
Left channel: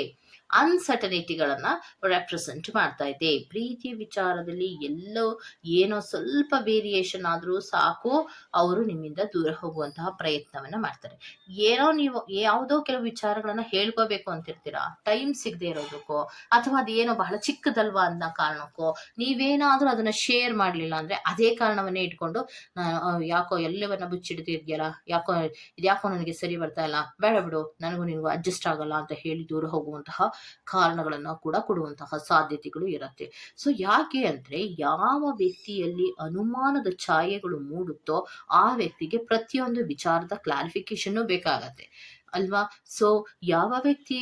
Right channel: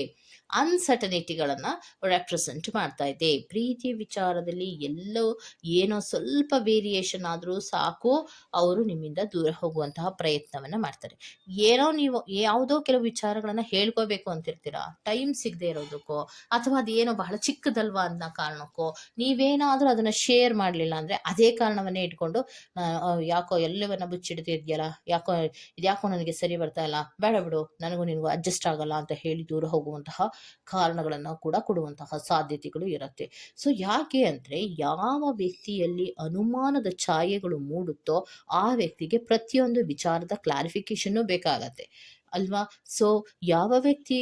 Speaker 1: ಅನ್ಸರ್ಟನಿಟಿಗಳನ್ನ ರೆಪ್ರೆಸೆಂಟ್ ಮಾಡ್ತಾ ಇದೆ. ಪ್ರೀತಿ ವಿಚಾರದಲ್ಲಿ ಎಲ್ಲೋ ಏನೋ ಸ್ವಲ್ಪ ವೇರಿಯೇಷನ್ ಆದರೂ ಸಾಕು, ಅವರು ನಿಮ್ಮಿಂದ ದೂರ ಹೋಗುವಂತಹ ಪ್ರಯತ್ನವನ್ನ ಮಾಡ್ತಾರೆ. ಏನೋ ನೀವು ಯಾವುದೋ ಕೆಲವು ವಿಚಾರಗಳನ್ನ ಹೇಳ್ಕೋಬೇಕು ಅಂತಿರ್ತೀರಾ? ಟೈಮ್ ಸಿಗದೆ ಇರೋದಕ್ಕೋ, ಅಥವಾ ಅದೇನೋ ಬಹಳ ಚಿಕ್ಕದಲ್ವಾ ಅನ್ನೋ ಕಾರಣಕ್ಕೋ, ನೀವೇನಾದ್ರೂ ಅದನ್ನ ಶೇರ್ ಮಾಡಲಿಲ್ಲ ಅಂದ್ರೆ ಅದೇ ಕಾರಣವನ್ನೇ ಇಟ್ಕೊಂಡು ಯಾಕೋ ಎಲ್ಲವನ್ನ ಮುಚ್ಚಿಡ್ತಿದ್ಯಲ್ಲ, ಯಾಕೋ, ಇದ್ಯಾಕೋ ನನಗೆ ಸರಿ ಬರ್ತಾ ಇಲ್ಲ, ಬೇಡ ಬಿಡು, ನನಗೂ ನಿನಗೂ ಅಡ್ಜಸ್ಟ್ ಆಗಲ್ಲ ಅಂತ ಹೇಳಿ ದೂರ ಹೋಗುವಂತಹ ಕಾರಣಗಳನ್ನ ಕೂಡ ಕೊಡುವಂತಹ ಸಾಧ್ಯತೆಗಳು ಇರುತ್ತೆ. ಸೊ ಯಾಕೆ ಅಂದ್ರೆ ಯಾವ ವ್ಯಕ್ತಿಯಲ್ಲಿ ಅನುಮಾನದ ಛಾಯೆಗಳು ಮೂಡುತ್ತೋ ಆ ವ್ಯಕ್ತಿಗೆ ಪ್ರತಿಯೊಂದು ವಿಚಾರದ ಕ್ಲಾರಿಫಿಕೇಶನ್ ಬೇಕಾಗತ್ತೆ. ಅಲ್ವಾ? ಸೊ ಯಾವ ವ್ಯಕ್ತಿ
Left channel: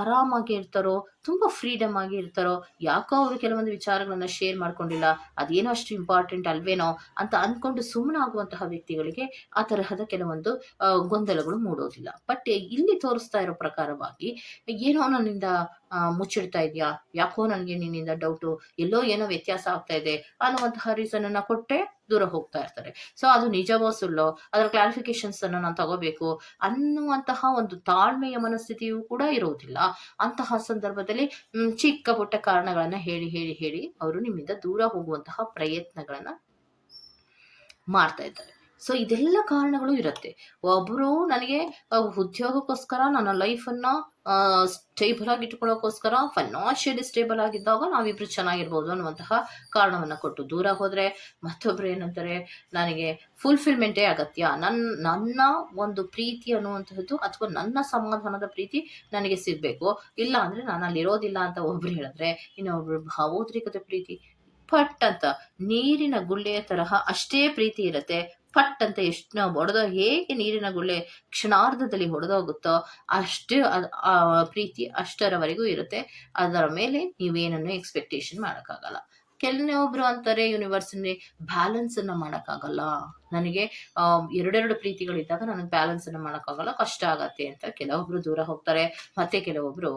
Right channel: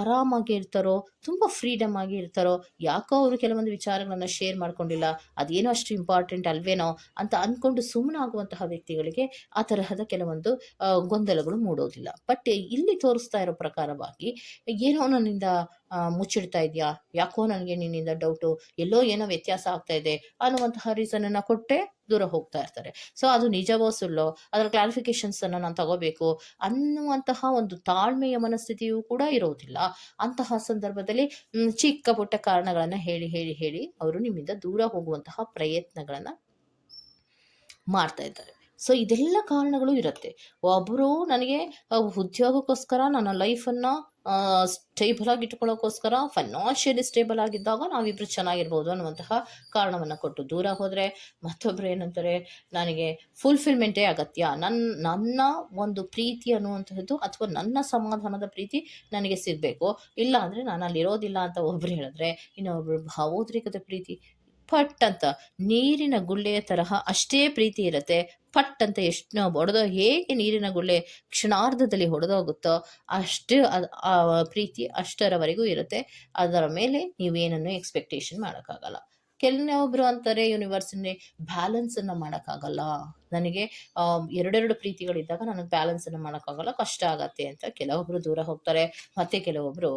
Speaker 1: ಆರಾಮಾಗಿ ಇರ್ತಾರೋ, ತುಂಬ ಫ್ರೀಡಮ್ ಆಗಿ ಇರ್ತಾರೋ, ಯಾಕೋ ಅವರು ಕೆಲವೊಂದು ವಿಚಾರಗಳನ್ನು ಶೇರ್ ಮಾಡ್ಕೊಂಡಿಲ್ಲ, ಅದೇನೋ ಅಷ್ಟು ಇಂಪಾರ್ಟೆಂಟ್ ಅಲ್ವೇನೋ ಅಂತ ಅನ್ಕೊಂಡು ಸುಮ್ಮನಾಗುವಂತಹ ವ್ಯಕ್ತಿಗಳಿಗೆ ಆ ತರಹದ ಕೆಲವೊಂದು ಗೊಂದಲಗಳು ಮೂಡೋದಿಲ್ಲ. ಬಟ್ ಇಲ್ಲಿ ತೋರಿಸ್ತಾ ಇರೋ ಪ್ರಕಾರವಾಗಿ, ಏನೋ ನನ್ನಿಂದ ಮುಚ್ಚಿಡ್ತಾ ಇದೆಯಾ? ಯಾಕೋ ನನಗೆ ನಿನ್ನಿಂದ ಡೌಟು ಎಲ್ಲೋ ಏನೋ ವ್ಯತ್ಯಾಸ ಆಗ್ತಾ ಇದೆ ಅನ್ನುವಂತಹ ರೀಸನ್ ಅನ್ನ ಕೊಟ್ಟೆ ದೂರ ಹೋಗ್ತಾ ಇರ್ತಾರೆ. ಸೊ ಅದು ನಿಜವೋ ಸುಳ್ಳೋ? ಅದರ ಕ್ಲಾರಿಫಿಕೇಶನ್ಸ್ ಅನ್ನು ನಾನು ತಗೋಬೇಕು ಅನ್ನುವಂತಹ ಒಂದು ತಾಳ್ಮೆಯ ಮನಸ್ಥಿತಿಯೂ ಕೂಡ ಇರೋದಿಲ್ಲ. ಅಂತಹ ಸಂದರ್ಭದಲ್ಲಿ ಚಿಕ್ಕ ಪುಟ್ಟ ಕಾರಣಗಳನ್ನ ಹೇಳಿ ಹೇಳಿ ಹೇಳಿ ಅವರು ನಿಮ್ಮಿಂದ ದೂರ ಹೋಗುವಂತಹ ಪ್ರಯತ್ನಗಳನ್ನ ಮಾಡ್ತಾ ಇದ್ದಾರೆ. ಸೊ ಇದೆಲ್ಲ ಕಾರಣಗಳು ಇರುತ್ತೆ. ಒಬ್ಬರು ನನಗೆ ಉದ್ಯೋಗಕ್ಕೋಸ್ಕರ ನನ್ನ ಲೈಫನ್ನು ಸ್ಟೇಬಲ್ ಆಗಿ ಇಟ್ಕೊಳ್ಳೋಕ್ಕೋಸ್ಕರ ಫೈನಾನ್ಷಿಯಲಿ ಸ್ಟೇಬಲ್ ಆಗಿದ್ದಾಗ ನಾವಿಬ್ರು ಚೆನ್ನಾಗಿರ್ಬೋದು ಅನ್ನುವಂತಹ ಕಾರಣವನ್ನು ಕೊಟ್ಟು ದೂರ ಹೋದರೆ ಮತ್ತೊಬ್ಬರು ಏನಂತಾರೆ, ನನಗೆ ಫುಲ್ಫಿಲ್ಮೆಂಟೇ ಅಗತ್ಯ. ನನ್ನ ನನ್ನ ಒಂದು ಪ್ರೀತಿ ಅನ್ನುವಂಥದ್ದು ಅಥವಾ ನನ್ನ ಸಮಾಧಾನದ ಪ್ರೀತಿ ನನಗೆ ಸಿಗಬೇಕು. ಇಲ್ಲ ಅಂದರೆ ನಾನು ಅಲ್ಲಿರೋದಿಲ್ಲ ಅಂತ ಒಬ್ರು ಹೇಳಿದ್ರೆ, ಇನ್ನೊಬ್ರು ಭಾವೋದ್ರಿಕದ ಪ್ರೀತಿ ಪಟ್ ಅಂತ ನೀರಿನ ಗುಳ್ಳೆಯ ತರಹ ಅಷ್ಟೇ ಪ್ರೀತಿ ಇರುತ್ತೆ. ಪಟ್ ಅಂತ ಎಷ್ಟು ಒಡೆದೋ ಹೇಗೆ ನೀರಿನ ಗುಳ್ಳೆ ಕ್ಷಣಾರ್ಧದಲ್ಲಿ ಹೊಡೆದೋಗುತ್ತೋ ಅಷ್ಟು ಆ ಪ್ರೀತಿ ಅಷ್ಟರವರೆಗೂ ಇರುತ್ತೆ. ಅದರ ಮೇಲೆ ನೀವೇನನ್ನು ಎಕ್ಸ್ಪೆಕ್ಟೇಷನ್ ಮಾಡೋಕ್ಕಾಗಲ್ಲ. ಕೆಲವೊಬ್ರು ಅಂತಾರೆ ಯೂನಿವರ್ಸಲ್ಲಿ ಬ್ಯಾಲೆನ್ಸ್ ಅನ್ನ ಮಾಡೋಕ್ಕಾಗಲ್ಲ. ನನಗೆ ಎರಡೆರಡು ಪ್ರೀತಿಗಳಿದ್ದಾಗ ನನಗೆ ಬ್ಯಾಲೆನ್ಸ್ ಅನ್ನ ಮಾಡೋಕ್ಕಾಗಲ್ಲ, ಕಷ್ಟ ಆಗತ್ತೆ ಅಂತ ಕೆಲವೊಬ್ರು ದೂರ ಹೋಗ್ತಾರೆ. ಮತ್ತೆ ಕೆಲವೊಬ್ರು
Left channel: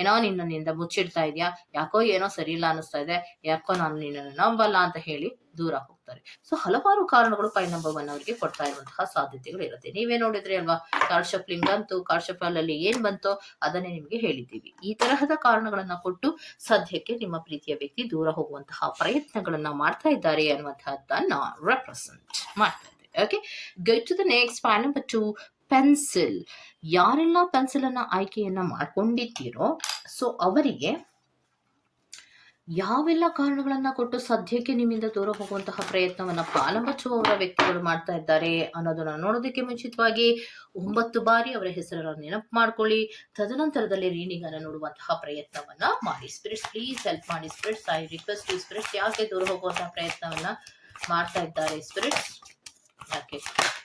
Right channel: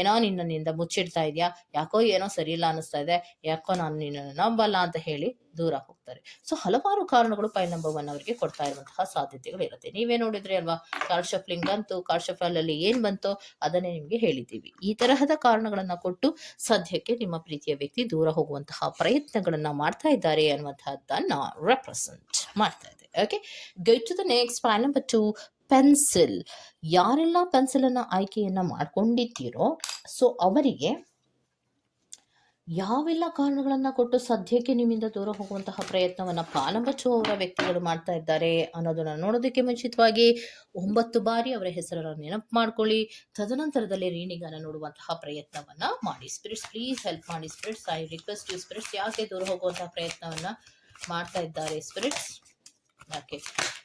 Speaker 1: ಏನೋ ನಿನ್ನಿಂದ ಮುಚ್ಚಿಡ್ತಾ ಇದೆಯಾ? ಯಾಕೋ ಏನೋ ಸರಿ ಇಲ್ಲ ಅನ್ನಿಸ್ತಾ ಇದೆ. ಯಾಕೋ ನಾನು ನಿನ್ನನ್ನು ನಂಬಲ್ಲ ಅಂತ ಹೇಳಿ ದೂರ ಹೋಗ್ತಾರೆ. ಸೊ ಹಲವಾರು ಕಾರಣಗಳು ಪೈ ನಂಬರ್ ಅವರಿಗೆ ಕೊಡ್ತಾ ಇರುವಂತಹ ಸಾಧ್ಯತೆಗಳು ಇರುತ್ತೆ. ನೀವೇ ನೋಡಿದ್ರೆ ಅಲ್ವಾ? ಕಾರ್ಡ್ ಶಫ್ಲಿಂಗ್ ಬಂತು. ಅಲ್ಲಿ ಏನ್ ಬಂತೋ ಅದನ್ನೇ ನಿಮ್ಗೆ ಹೇಳಿದ್ದೀವಿ. ಈ ತರಹದ ಕಾರಣಗಳನ್ನ ಕೊಟ್ಟು ಸದ್ಯಕ್ಕೆ ನಿಮ್ಮ ಪ್ರೀತಿಯ ವ್ಯಕ್ತಿ ದೂರ ಹೋಗುವಂತಹ ಪ್ರಯತ್ನಗಳನ್ನ ಮಾಡ್ತಾ ಇದ್ದಾರೆ ಅನ್ನುವಂತಹದ್ದನ್ನ ರೆಪ್ರೆಸೆಂಟ್ ಮಾಡ್ತಾ okay go to the next point number two pencil ಯಾರೆಲ್ಲ ಪೆನ್ಸಿಲ್ ಅನ್ನ ಆಯ್ಕೆಯನ್ನ ಮಾಡ್ಕೊಂಡಿದ್ದೀರೋ ಸೊ ಅವರಿಗೆ ಯಾವೆಲ್ಲ ಕಾರಣಗಳನ್ನ ಕೊಟ್ಟು ಸದ್ಯಕ್ಕೆ ನಿಮ್ಮಿಂದ ದೂರ ಹೋಗುವಂತಹ ಪ್ರಯತ್ನವನ್ನ ಪಾಲಂಬಚ್ಚುವವರ ವ್ಯಕ್ತಿಗಳು ಮಾಡ್ತಾ ಇದ್ದಾರೆ ಅನ್ನೋದನ್ನ ನೋಡೋದಕ್ಕೆ ಮುಂಚಿತವಾಗಿ ಒಂಬತ್ತು ಬಾರಿ ಅವರ ಹೆಸರನ್ನು ನೆನಪು ಮಾಡ್ಕೊಳ್ಳಿ. ತದನಂತರದಲ್ಲಿ ರೀಡಿಂಗ್ ಅನ್ನು ನೋಡುವಂತಹ ಪ್ರಯತ್ನವನ್ನ ಮಾಡಿ. ಸ್ಪ್ರಿಟ್ಸ್ ಪ್ಲೀಸ್ ಹೆಲ್ಪ್ ಮಾಡಿ. ಸ್ಪಿರಿಟ್ಸ್ ಐ ರಿಕ್ವೆಸ್ಟ್ ಯು ಯಾಕೆ ದೂರ ಹೋಗುವಂತಹ ಪ್ರಯತ್ನವನ್ನ ಮಾಡ್ತಾ ಇದ್ದಾರೆ? ಸ್ಪಿರಿಟ್ಸ್ ಯಾಕೆ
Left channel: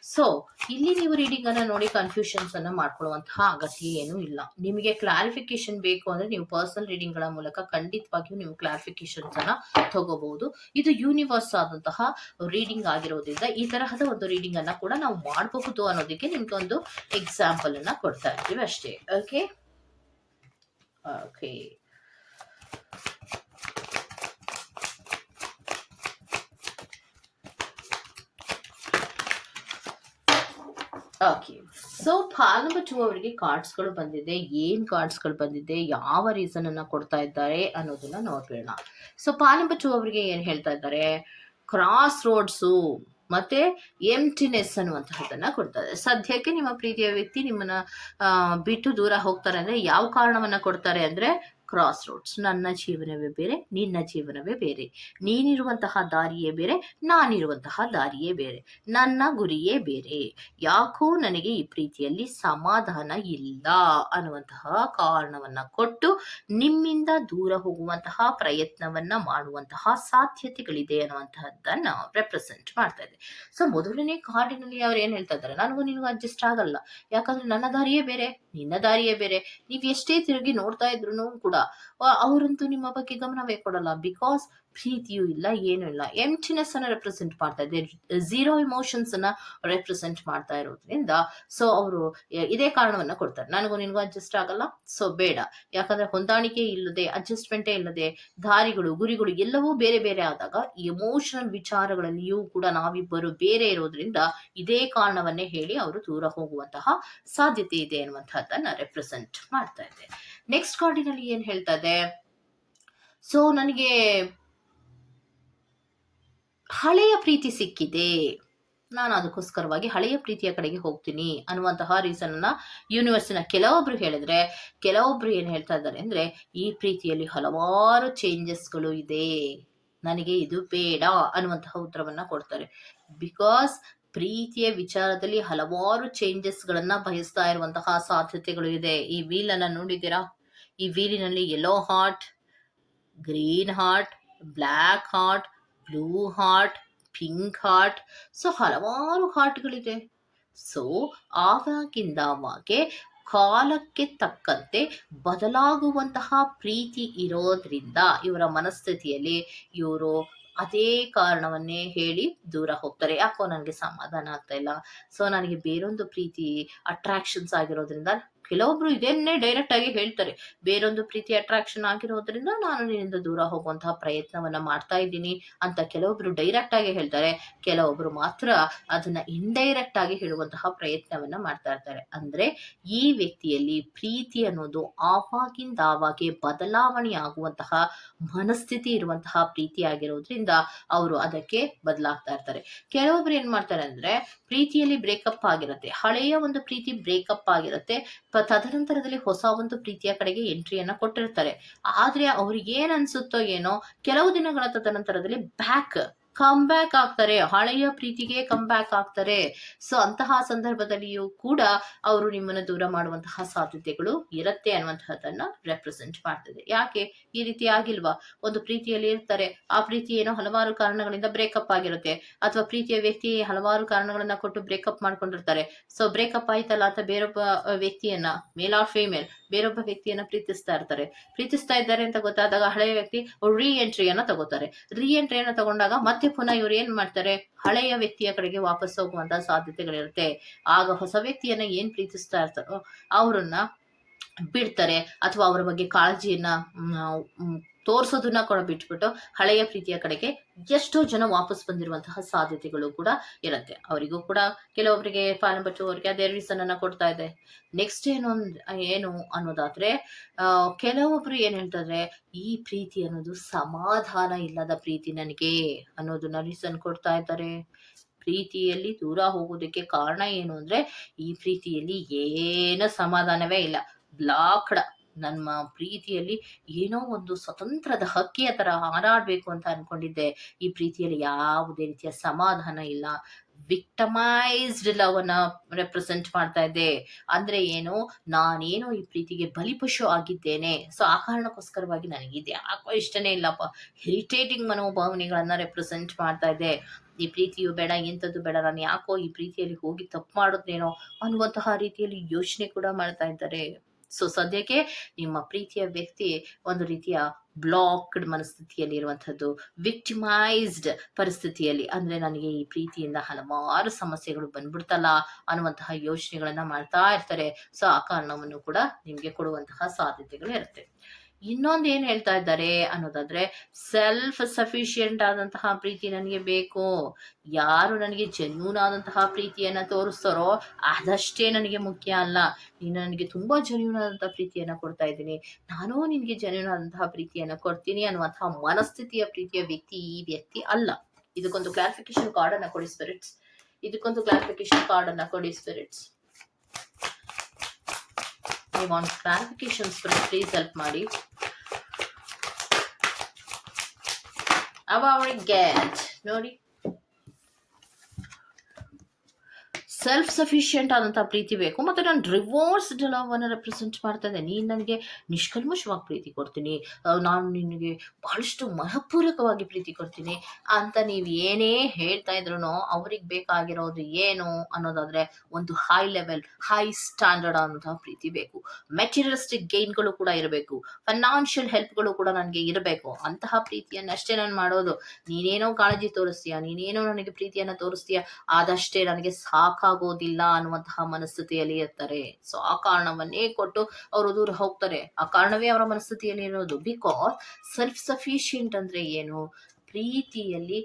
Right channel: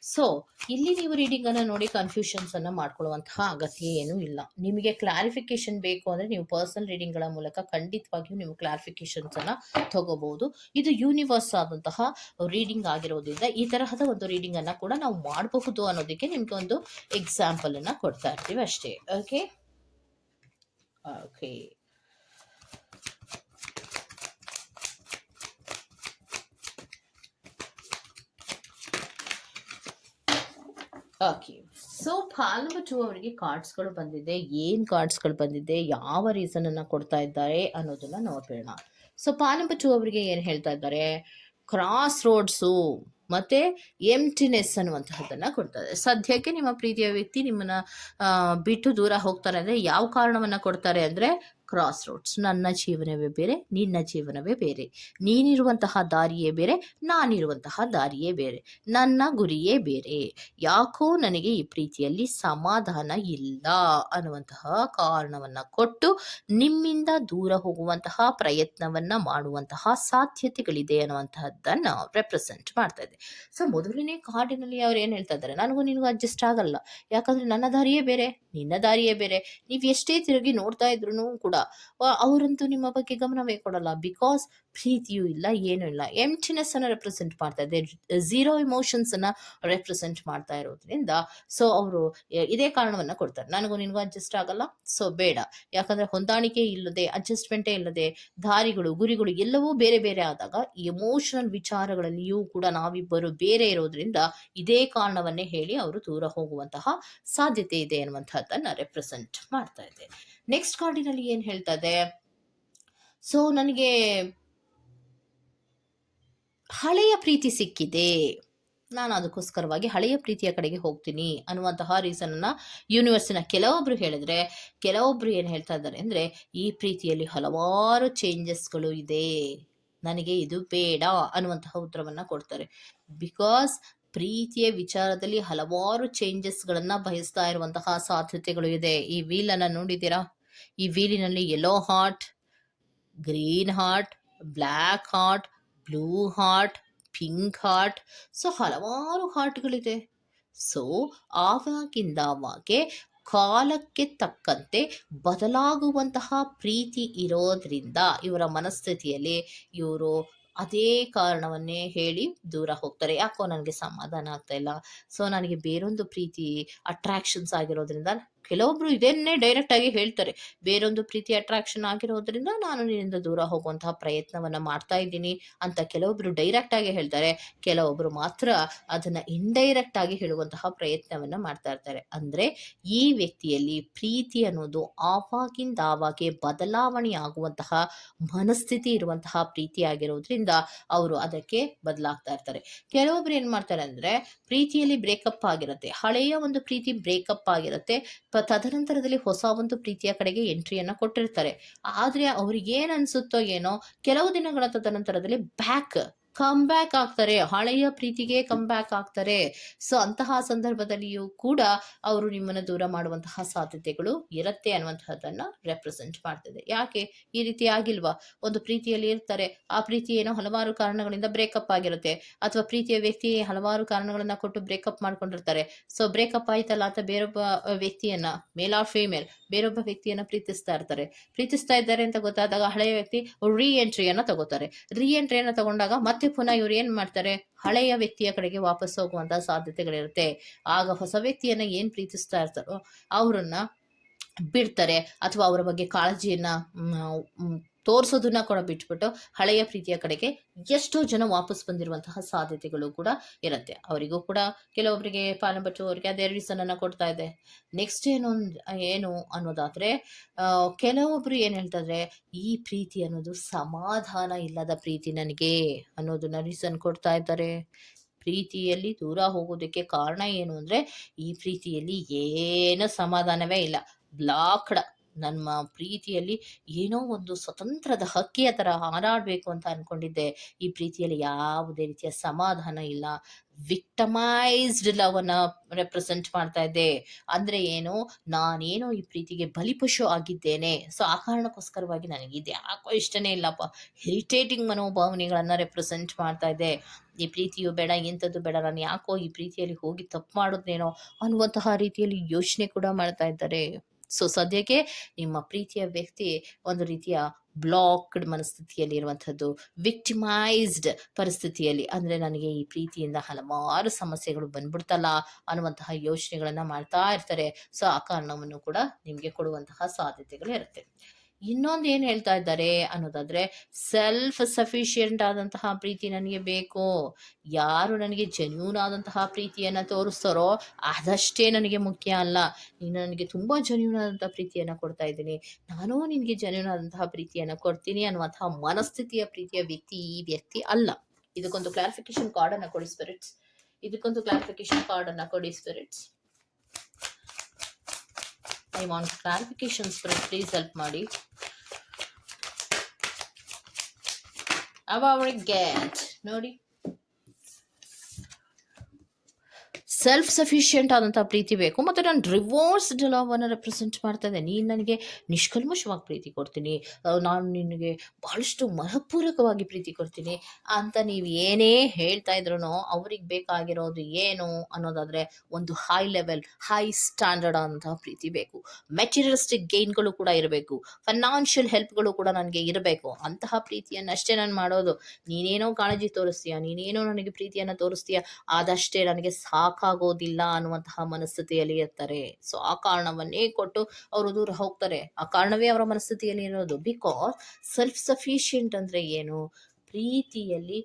Speaker 1: ಸೊ ಇಲ್ಲಿ ನೀವು ರೀಡಿಂಗ್ ಅನ್ನ ನೋಡಿ ಕನ್ಫ್ಯೂಷನ್ಸ್ ಅನ್ನ ಮಾಡ್ಕೊಳ್ಳುವಂತಹ ಅಗತ್ಯ ಏನೂ ಇಲ್ಲ. ನಿಮಗೆ ಕ್ಲಾರಿಫಿಕೇಶನ್ ಬೇಕು ಅಂದ್ರೆ ನೀವು ಪರ್ಸನಲ್ ರೀಡಿಂಗ್ಗಳ ಮೂಲಕ ಖಂಡಿತವಾಗಿಯೂ ನೀವು ಕ್ಲಾರಿಫಿಕೇಶನ್ಸ್ ಅನ್ನ ತಗೋಬಹುದು ಇದು ಯೂನಿವರ್ಸ್ ಆದಂತಹ ರೀಡಿಂಗ್ ಆಗಿರೋದ್ರಿಂದ ಈ ತರಹದ ಒಂದು ರೀಡಿಂಗ್ ಅನ್ನ ಕೂಡ ನಾವು ಮಾಡಬಹುದು ಅನ್ನೋದಕ್ಕೆ ನಿಮ್ಗೆ ಒಂದು ಎಕ್ಸಾಂಪಲ್ ಅನ್ನ ಕೊಡ್ತಾ ಇರ್ತೀವಿ ಅಷ್ಟೇ. Okay okay okay so pile number ಅವರಿಗೆ ಕಾರ್ಡ್ಸ್ಗಳು ಬಂದಿದೆ. ಏನು ಕಾರ್ಡ್ಸ್ಗಳು ಬಂದಿದೆ? ಯಾವ ರೀಸನ್ ಅನ್ನ ಕೊಡ್ತಾ ಇದ್ದಾರೆ ಅನ್ನೋದನ್ನ ನೋಡೋಣ ಸೊ ಪಾಲ್ ನಂಬರ್ ಅವರಿಗೆ ಏನು ಹೇಳ್ತಾ ಇದ್ದಾರೆ? ಕ್ರಾಸ್ ರೋಡ್ಸು ಮತ್ತೆ ಎಂಟಿನೆಸ್ ಕೊಡ್ತಾ ಇದೆ ಸದ್ಯಕ್ಕೆ ನಿಮ್ಮ ಪ್ರೀತಿಯ ವ್ಯಕ್ತಿ ನಿಮ್ಮನ್ನ ಬಿಟ್ಟು ದೂರ ಹೋಗ್ತಾರೆ ಅಂದ್ರೆ ಯಾವ ಕಾರಣವನ್ನ ಕೊಡ್ತಾರೆ ಅಂದ್ರೆ ಕ್ರಾಸ್ ರೋಡ್ಸ್ ನನ್ನ ಜೀವನವೇ ಬೇರೆ, ನಿನ್ನ ಜೀವನವೇ ಬೇರೆ. ನೀನಿರುವಂತಹ ದಾರಿಯೇ ಬೇರೆ, ನಾನಿರುವಂತಹ ದಾರಿಯೇ ಬೇರೆ. ನನ್ನ ಗುರಿಯೇ ಬೇರೆ. ಯಾಕೋ ನನಗೆ ಈ ಪ್ರೀತಿಯಲ್ಲಿ ಸಮಾಧಾನ ಇಲ್ಲ ಅನ್ನುವಂತಹ ಕಾರಣವನ್ನ ಕೊಟ್ಟು ನಿಮ್ಮಿಂದ ದೂರ ಹೋಗುವಂತಹ ಪ್ರಯತ್ನವನ್ನ ಮಾಡುವಂತಹ ಸಾಧ್ಯತೆಗಳಿದೆ ಅನ್ನುವಂತಹದ್ದನ್ನ ರೆಪ್ರೆಸೆಂಟ್ ಮಾಡ್ತಾ ಇದೆ ಸೊ ಮೊದಲನೇ ಕಾರ್ಡಿನಲ್ಲಿ ಅವ್ರು ಏನ್ ಹೇಳ್ತಾ ಇದ್ದಾರೆ? ನನಗೂ ನಿನಗೂ ಅಡ್ಜಸ್ಟ್ ಆಗಲ್ಲ. ಯಾಕಂದ್ರೆ ನನ್ನ ದಾರಿಯೇ ಬೇರೆ. ನಿನ್ನ ದಾರಿಯೇ ಬೇರೆ. ನೀವು ಎಷ್ಟೇ ತಿರುಗಿ ನೋಡ್ತಾ ಇದ್ರು ಕೂಡ ಅವರಂತೂ ನಿಮ್ಮ ಬಗ್ಗೆ ಗಮನವೇ ಕೊಡಲ್ಲ. ಬಿಕಾಸ್ ಪ್ರೀತಿಯೂ ಇಲ್ಲ, ಏನೂ ಇಲ್ಲ. ಎಂಟಿನೆಸ್ ಅನ್ನ ರೆಪ್ರೆಸೆಂಟ್ ಮಾಡ್ತಾ ಇದೆ. ಝೀರೋ ಇಮೋಷನ್ಸ್ ಅನ್ನ ರೆಪ್ರೆಸೆಂಟ್ ಮಾಡ್ತಾ ಇರೋದ್ರಿಂದ ಸೊ ಅವರು ಇದೇ ಕಾರಣವನ್ನ ಕೊಡ್ತಾರೆ. ನನಗೂ ನಿನಗೂ ಅಡ್ಜಸ್ಟ್ ಆಗಲ್ಲ ಸೊ ಬೇಡ. ಯಾಕಂದ್ರೆ ಹೊಂದಾಣಿಕೆ ಇಲ್ಲದೆ ಅಡ್ಜಸ್ಟ್ಮೆಂಟೇ ಇಲ್ಲದೆ, ದಾರಿಗಳು, ಗುರಿಗಳು ಎಲ್ಲವೂ ಬೇರೆ ಬೇರೆ ಆದಾಗ ಎಮೋಷನಲ್ ವಿಚಾರಗಳಲ್ಲಿಯೂ ಕೂಡ ನಾವಿಬ್ಬರು ಬೇರೆ ಇರೋದ್ರಿಂದ, ಇದೇ ಕಾರಣವನ್ನೇ ಹೇಳಿ ಅವರು ದೂರ ಹೋಗುವಂತಹ ಸಾಧ್ಯತೆ ಇದೆ ಅನ್ನುವಂತಹದ್ದನ್ನ ರೆಪ್ರೆಸೆಂಟ್ ಮಾಡ್ತಾ ಇದೆ. ನೆಕ್ಸ್ಟ್ ಕಾರ್ಡಿನಲ್ಲಿ ಏನ್ ಹೇಳ್ತಾ ಇದೆ? ಸೊ ನನಗೆ ಹಳೆಯ ಪ್ರೀತಿ ಸಿಕ್ಕಿದೆ. ನಾನು ಅದಕ್ಕೋಸ್ಕರವಾಗಿ ಹಳೆಯ ಪ್ರೀತಿಯ ಕಡೆಗೆ ಹೋಗ್ತೀನಿ ಅನ್ನುವಂತಹ ರೀಸನ್ ಅನ್ನ ಯೂನಿವರ್ಸಿನ ಕೆಲವೊಬ್ರು ಹೇಳಿದ್ರೆ, ಕೆಲವೊಬ್ರು ಏನು ಹೇಳ್ತಾ ಇದ್ದಾರೆ ಅಂದ್ರೆ, ಈ ಪ್ರೀತಿಯಲ್ಲಿ ಹಲವಾರು ಚೇಂಜಸ್ಗಳು ಇದೆ. ನನಗೆ ಇದು ಬೇಡ ಅನ್ನುವಂತಹ ಉತ್ತರವನ್ನು ಕೊಡ್ತಾರೆ. ಬಿಕಾಸ್ ಪ್ರೀತಿಯ ವಿಚಾರದಲ್ಲಿ ಹಲವಾರು ಚೇಂಜಸ್ಗಳನ್ನು ಬಯಸ್ತಾ ಇರುವಂತಹ ಸಾಧ್ಯತೆಗಳು ಇದೆ. ಈ ವೀಲನ್ನು ನೋಡಿದ್ದೀರಾ? ಈ ವೀಲಿನಲ್ಲಿ yellow heart green heart black heart blue heart pink heart so ಹಲವಾರು ಹಾರ್ಟ್ಗಳಿದೆ ಸೊ ಆವಾಗಿಂದ ಆವಾಗೆ ಕಾಲಕ್ಕೆ ತಕ್ಕಂತೆ ಬದಲಾಗುವಂತಹ ಪ್ರೀತಿ ಇರೋದ್ರಿಂದ ಇವರ ಮನಸ್ಥಿತಿಯಲ್ಲಿ ಇವರು ಅದೇ ಕಾರಣವನ್ನೇ ಹೇಳಿ ದೂರ ಹೋಗ್ತಾರೆ. ಯಾಕೋ ನನಗೆ ಸಮಾಧಾನ ಆಗ್ತಾ ಇಲ್ಲ. ಸೊ ನನಗೆ ಬೇರೊಂದು ಪ್ರೀತಿ ಅಟ್ರಾಕ್ಷನ್ಸ್ ಆಗಿರೋದ್ರಿಂದ ಕೆಲವೊಬ್ರು ಇದನ್ನೇ ಡೈರೆಕ್ಟ್ ಆಗಿ ಹೇಳ್ತಾರೆ. ಬೇರೊಂದು ಪ್ರೀತಿ ಅಟ್ರಾಕ್ಷನ್ ಆಗಿರೋದ್ರಿಂದ ನಾನು ನಿನ್ನಿಂದ ದೂರ ಹೋಗುವಂತಹ ಪ್ರಯತ್ನವನ್ನ ಮಾಡ್ತಾ ಇದ್ದೀನಿ ಅಂತ ಕೆಲವೊಬ್ರು ಡೈರೆಕ್ಟ್ ಆಗಿ ಹೇಳ್ತಾರೆ. ಕೆಲವೊಬ್ರು ಮಾತ್ರ ಅದನ್ನ ಇಂಡೈರೆಕ್ಟ್ ಆಗಿ ಹೇಳುವಂತಹ ಪ್ರಯತ್ನವನ್ನ ಮಾಡ್ತಾ ಇರ್ತಾರೆ. ಅಂದ್ರೆ ಈ ವ್ಯಕ್ತಿಯಲ್ಲಿ ಪ್ರೀತಿ ಅನ್ನೋದು ಆವಾಗಿಂದ ಆವಾಗೆ ಬದಲಾವಣೆ ಆಗುವಂತಹ ಮನಸ್ಥಿತಿ ಇರುವಂತಹ ಪ್ರೀತಿ ಆಗಿರೋದ್ರಿಂದ ಅವರು ಅದಕ್ಕೆ ಬದಲಾಗ್ತಾ ಇರ್ತಾರೆ. ಕೆಲವೊಬ್ರು ಏನ್ ಮಾಡ್ತಾರೆ ಅಂದ್ರೆ ಪ್ರೀತಿಯಲ್ಲಿ ಬ್ರೇಕಪ್ ಆಗಿರುತ್ತೆ. ಹಳೆಯ ಒಂದು ಪ್ರೀತಿ ಬ್ರೇಕಪ್ ಆಗಿರುತ್ತೆ. ತದನಂತರದಲ್ಲಿ ಹೊಸ ಒಂದು ಪ್ರೀತಿಯ ಕಡೆಗೆ ಎಂಟ್ರಿಯನ್ನ ಕೊಟ್ಟಿರ್ತಾರೆ. ಆದ್ರೆ ಅವ್ರಿಗೆ ಏನ್ ಅನ್ಸುತ್ತೋ ಏನೋ, ಕೆಲವು ದಿನಗಳ ತದನಂತರದಲ್ಲಿ ಬ್ಯಾಕ್ ಕಮ್ ಬ್ಯಾಕ್ ಆಗ್ತಾರೆ, ಹಳೆಯ ಪ್ರೀತಿಗೆ ಕಮ್ ಬ್ಯಾಕ್ ಆಗ್ತಾರೆ. ಸೊ ಅಂತಹ ಸಂದರ್ಭದಲ್ಲಿಯೂ ಕೂಡ ಅವರು ನಿಮ್ಮನ್ನ ದೂರ ಮಾಡುವಂತಹ ಸಾಧ್ಯತೆಗಳು ಇರುತ್ತೆ ಅನ್ನುವಂತಹದ್ದನ್ನ ರೆಪ್ರೆಸೆಂಟ್ ಮಾಡ್ತದೆ. ಯಾಕೆ? ಈ ರೀತಿ ಆಗಿಲ್ವಾ? ಒಂದು ಪ್ರೀತಿಯಲ್ಲಿ ಇರ್ತಾರೆ. ಆ ಪ್ರೀತಿ ಏನೋ ಹಲವಾರು ಕಾರಣಗಳಿಂದ ಬ್ರೇಕಪ್ ಆಗಿರುತ್ತೆ. ಅಥವಾ ಪ್ರೀತಿಯ ವ್ಯಕ್ತಿ ಹಲವಾರು ಕಾರಣಗಳನ್ನ ಕೊಟ್ಟು ಬ್ರೇಕಪ್ ಮಾಡ್ಕೊಂಡಿರ್ತಾರೆ. ಸೊ ಬ್ರೇಕಪ್ ಆಯ್ತಲ್ಲ ಅಥವಾ ಬೇರೊಬ್ಬ ವ್ಯಕ್ತಿಯನ್ನ ಮೇಲ್ ಆರ್ ಫೀಮೇಲ್ ಬೇರೊಬ್ಬ ವ್ಯಕ್ತಿಯನ್ನ ಪ್ರೀತಿಸ್ತಾ ಇರ್ತಾರೆ. ಪ್ರೀತಿಸ್ತಾ ಇದ್ದಾರೆ ಅಂತ ಗೊತ್ತಾದಾಗ ಹಳೆಯ ವ್ಯಕ್ತಿ ರೀ ಎಂಟ್ರಿಯನ್ನ ತಗೋತಾರೆ. ರೀ ಎಂಟ್ರಿಯನ್ನ ತಗೊಂಡಾಗ ಮತ್ತೆ ಪುನಃ ಇವ್ರು ಏನ್ ಮಾಡ್ತಾರೆ? ಹಳೆಯ ವ್ಯಕ್ತಿಯ ಕಡೆಗೆ ವಾಪಸ್ ಹೋಗುವಂತ ಸಾಧ್ಯತೆಗಳಿರುತ್ತೆ. ಆಗ ಹೊಸ ವ್ಯಕ್ತಿಯನ್ನ ಏನ್ ಪ್ರೀತಿಸ್ತಾ ಇರ್ತಾರೋ, ಅವ್ರನ್ನ ಬಿಡ್ತಾರೆ. ಅಥವಾ ಅವರ ಬಗ್ಗೆ ಕಾಳಜಿಯನ್ನ ತೋರ್ಸೋದನ್ನ ಕೂಡ ಬಿಟ್ಬಿಟ್ಟು ಹಳೆಯ ಪ್ರೀತಿಯ ಕಡೆಗೆ ಎಷ್ಟೋ ಜನ ವಾಪಸ್ ಬಂದಿರುವಂತಹ ಸಾಧ್ಯತೆಗಳು ಕೂಡ ಇರುತ್ತೆ. ಅವರಿಗೂ ಕೂಡ ಕೆಲವೊಬ್ಬರಿಗೆ ಪಾಲಂಬಚ್ಚು ಅವರಿಗೆ ಅದೇ ರೀಸನ್ ಅನ್ನ ಕೊಡ್ತಾ ಇದೆ. ನೆಕ್ಸ್ಟ್ ಏನು ಏನು ಅನ್ನೋದಾದ್ರೆ ಕೆಲವೊಬ್ರು ಏನ್ ಹೇಳ್ತಾರೆ ಈ ಪ್ರೀತಿ ಅನ್ನೋದು ಸಮಾಧಾನ ಇಲ್ಲದ ಪ್ರೀತಿ ನನಗೆ ಅನ್ನೋದನ್ನ ರೀಸನ್ ಕೊಡ್ತಾ ಇದ್ದಾರೆ. ಪ್ರೀತಿಯಲ್ಲಿ ದೂರ ಹೋಗೋದಕ್ಕೆ ಕಾರಣ ಏನು ಅಂದ್ರೆ, ಈ ಪ್ರೀತಿಯಲ್ಲಿ ಏನು ಸಮಾಧಾನವೇ ಇಲ್ಲ. ಬ್ಲಾಕ್ಡ್ ನಮ್ಮ ಪ್ರೀತಿಯಲ್ಲಿ ಏನೋ ಒಂದು ಸ್ವತಂತ್ರದ ಹಕ್ಕಿಯ ತರ ಹಾರಾಡ್ಬೇಕು ಅಂತ ಅನ್ಕೊಂಡಿದ್ದೆ. ಈ ಪ್ರೀತಿಯಲ್ಲಿ ಯಾವುದೇ ರೀತಿಯ ಸಮಾಧಾನ ಇಲ್ಲ. ವಿಕ್ಟಮೈಸ್ಡ್ ಲವ್ ಅನ್ನ ರೆಪ್ರೆಸೆಂಟ್ ಮಾಡ್ತಾ ಇದ್ದೆ. ಅಂದ್ರೆ ಏನು? ನಾನೇನೋ ಈ ಪ್ರೀತಿಗೆ ಬಲಿಪಶು ಆಗಿದ್ದೇನೆ. ಸೊ ಆ ಕಾರಣಕ್ಕೋಸ್ಕರವಾಗಿ ನನಗೆ ಇದು ಯಾಕೋ ಇಷ್ಟನೇ ಇಲ್ಲಪ್ಪ. ಹೆರಿಟೇಟಿಂಗ್ ಮನೋಭಾವನೆಗಳನ್ನ ರೆಪ್ರೆಸೆಂಟ್ ಮಾಡ್ತಾ ಇದ್ದೆ. ಈ ಪ್ರೀತಿಯು ಬೇಡ ಎಂಥದ್ದು ಬೇಡ. ನಾನು ಯಾಕೋ ಈ ಪ್ರೀತಿಯಲ್ಲಿ ಹೋಗಿ ತಪ್ಪು ಮಾಡೋದೇನೋ ಅನ್ನುವಂತಹ ರೀತಿಯಲ್ಲಿ ಯೋಚನೆ ಕೂಡ ಮಾಡ್ತಾ ಇದ್ದಾರೆ. ಸೊ ಸದ್ಯಕ್ಕೆ ನಿಮ್ಮ ಪ್ರೀತಿಯ ವ್ಯಕ್ತಿ ಒಂದು ರೀತಿಯ ಬ್ಲಾಕ್ಡ್ ಮನಸ್ಥಿತಿಯಲ್ಲಿ ಇರುವಂಥದ್ದು ವಿಕ್ಟಿಮೈಸ್ಡ್ ಪರಿಸ್ಥಿತಿಯಲ್ಲಿ. ಅಂದ್ರೆ ನನಗೆ ಈ ಪ್ರೀತಿಯಿಂದ ಹಲವಾರು ಸಮಸ್ಯೆಗಳು ಬಂದ್ಬಿಡ್ತಲ್ಲ ಅನ್ನುವಂತಹ ಯೋಚನೆಗಳನ್ನ ಮಾಡ್ತಾ ಇರ್ತಾರೆ. ಸೊ ಆ ಕಾರಣವನ್ನು ಕೂಡ ನಿಮ್ಗೆ ಕೊಡುವಂತಹ ಸಾಧ್ಯತೆಗಳು ಇರುತ್ತೆ. ಇನ್ನೊಂದು ಏನ್ ಹೇಳ್ತಾ ಇದ್ದಾರೆ ಅನ್ನೋದಾದ್ರೆ ಸೆಲ್ಫ್ ಸಫಿಶಿಯಂಟ್ ಆದಂತಹ ಪ್ರೀತಿ ನನಗೆ ಬೇಕು. ಯಾರು ನನಗೆ ಜೆನ್ಯೂನ್ ಆದಂತಹ ಪ್ರೀತಿಯನ್ನ ತೋರಿಸ್ತಾರೋ ಅದಷ್ಟೇ ನನಗೆ ಮುಖ್ಯ ಅಲ್ಲ. ನೀನು ನನಗೆ ತುಂಬಾ ಜೆನ್ಯೂನ್ ಆದಂತಹ ಪ್ರೀತಿಯನ್ನ ಕೊಡ್ತಾ ಇದ್ದೀನಿ. ನಾನು ನಿನಗೆ ಜೆನ್ಯೂನ್ ಆದಂತಹ ಪ್ರೀತಿಯನ್ನ ಕೊಡ್ತೀನಿ ಅನ್ನುವಂತಹ ಮನಸ್ಥಿತಿಯ ಪ್ರೀತಿಯ ವ್ಯಕ್ತಿ ಈ ವ್ಯಕ್ತಿ ಅಲ್ಲ. ಇದಕ್ಕೊಂದು ಕ್ಲಾರಿಫಿಕೇಶನ್ ಕಾರ್ಡ್ ಅನ್ನ ಕೊಡಿ ಸ್ಪಿರಿಟ್ಸ್ ಇದಕ್ಕೊಂದು ಕ್ಲಾರಿಫಿಕೇಶನ್ ಕಾರ್ಡ್ ಅನ್ನ ಕೊಡಿ ಸ್ಪಿರಿಟ್ಸ್ ನೀವು ಆನ್ ಕ್ಲಾರಿಫಿಕೇಶನ್ಸ್ ಪ್ಲೀಸ್ ಹೆಲ್ಪ್ ಮಾಡಿ. ಅವ ಅವಳಿಗೆ ನೋಡಿ. ಸೆಲ್ಫ್ ಸಫಿಷಿಯೆಂಟ್ ಆದಂಥ ಪ್ರೀತಿ ಬೇಕು ಮತ್ತು ನಾನು ರಿವರ್ಸ್ಡ್ ಲವನ್ನು ರೆಪ್ರೆಸೆಂಟ್ ಮಾಡ್ತಾ ಇದ್ದೆ ನೀನು ನನಗೆ ನಿಷ್ಕಲ್ಮಶವಾಗಿ ಪ್ರೀತಿ ಕೊಡ್ತೀನಿ. ನಾನು ನಿನಗೆ ಬಹಳಷ್ಟು ಮನಃಪೂರ್ವಕವಾಗಿ ಪ್ರೀತಿ ಕೊಡ್ತೀನಿ ಅಂತ ನೀವು ಏನೇ ಹೇಳ್ತಾ ಇದ್ರು ಅವ್ರಿಗೆ ಬೇಕಾಗಿರೋದು ಏನು ಅನ್ನೋದಾದರೆ ಒಂದು ಹೈ ಲೆವೆಲ್ ಹೈ ಸ್ಟ್ಯಾಂಡರ್ಡ್ ಆದಂತಹ ಪ್ರೀತಿ ಬೇಕು. ಮೆಟೀರಿಯಲಿಸ್ಟಿಕ್ ಗೇನ್ಗಳು ಕೂಡ ಇರಬೇಕು. ಫೈನಾನ್ಷಿಯಲ್ ಹೆಲ್ಪ್ಗಳು ಕೂಡ ನನಗೆ ಇರಬೇಕು. ಅಂತಹ ಪ್ರೀತಿಯನ್ನಷ್ಟೇ ನಾನು ಮಾಡೋದು. ನೀನೇನೋ ಕಾಳಜಿ ತೋರಿಸ್ತೀಯ, ನೀನೇನೋ ನನಗೆ ಪ್ರೀತಿಯನ್ನು ತೋರಿಸ್ತೀಯ, ಆದಷ್ಟೇ ನನಗೆ ಸಾಕಾಗೋದಿಲ್ಲ ಅನ್ನುವಂತಹ ಮನಸ್ಥಿತಿಯಲ್ಲಿ ಇರ್ತಾರೆ. ಸೊ ಆ ಕಾರಣವನ್ನೇ ಕೊಟ್ಟು ಅವರು ದೂರ ಹೋಗ್ತಾರೆ. ಆ ಕಾರಣವೇ ಅವರ ಮನಸ್ಥಿತಿಯಲ್ಲಿ ಇರೋದು. ಬಿಕಾಸ್ ಸೆಲ್ಫ್ ಸಫಿಷಿಯೆಂಟ್ ಅಂದ್ರೆ ಏನು? ಪ್ರೀತಿಯಲ್ಲಿ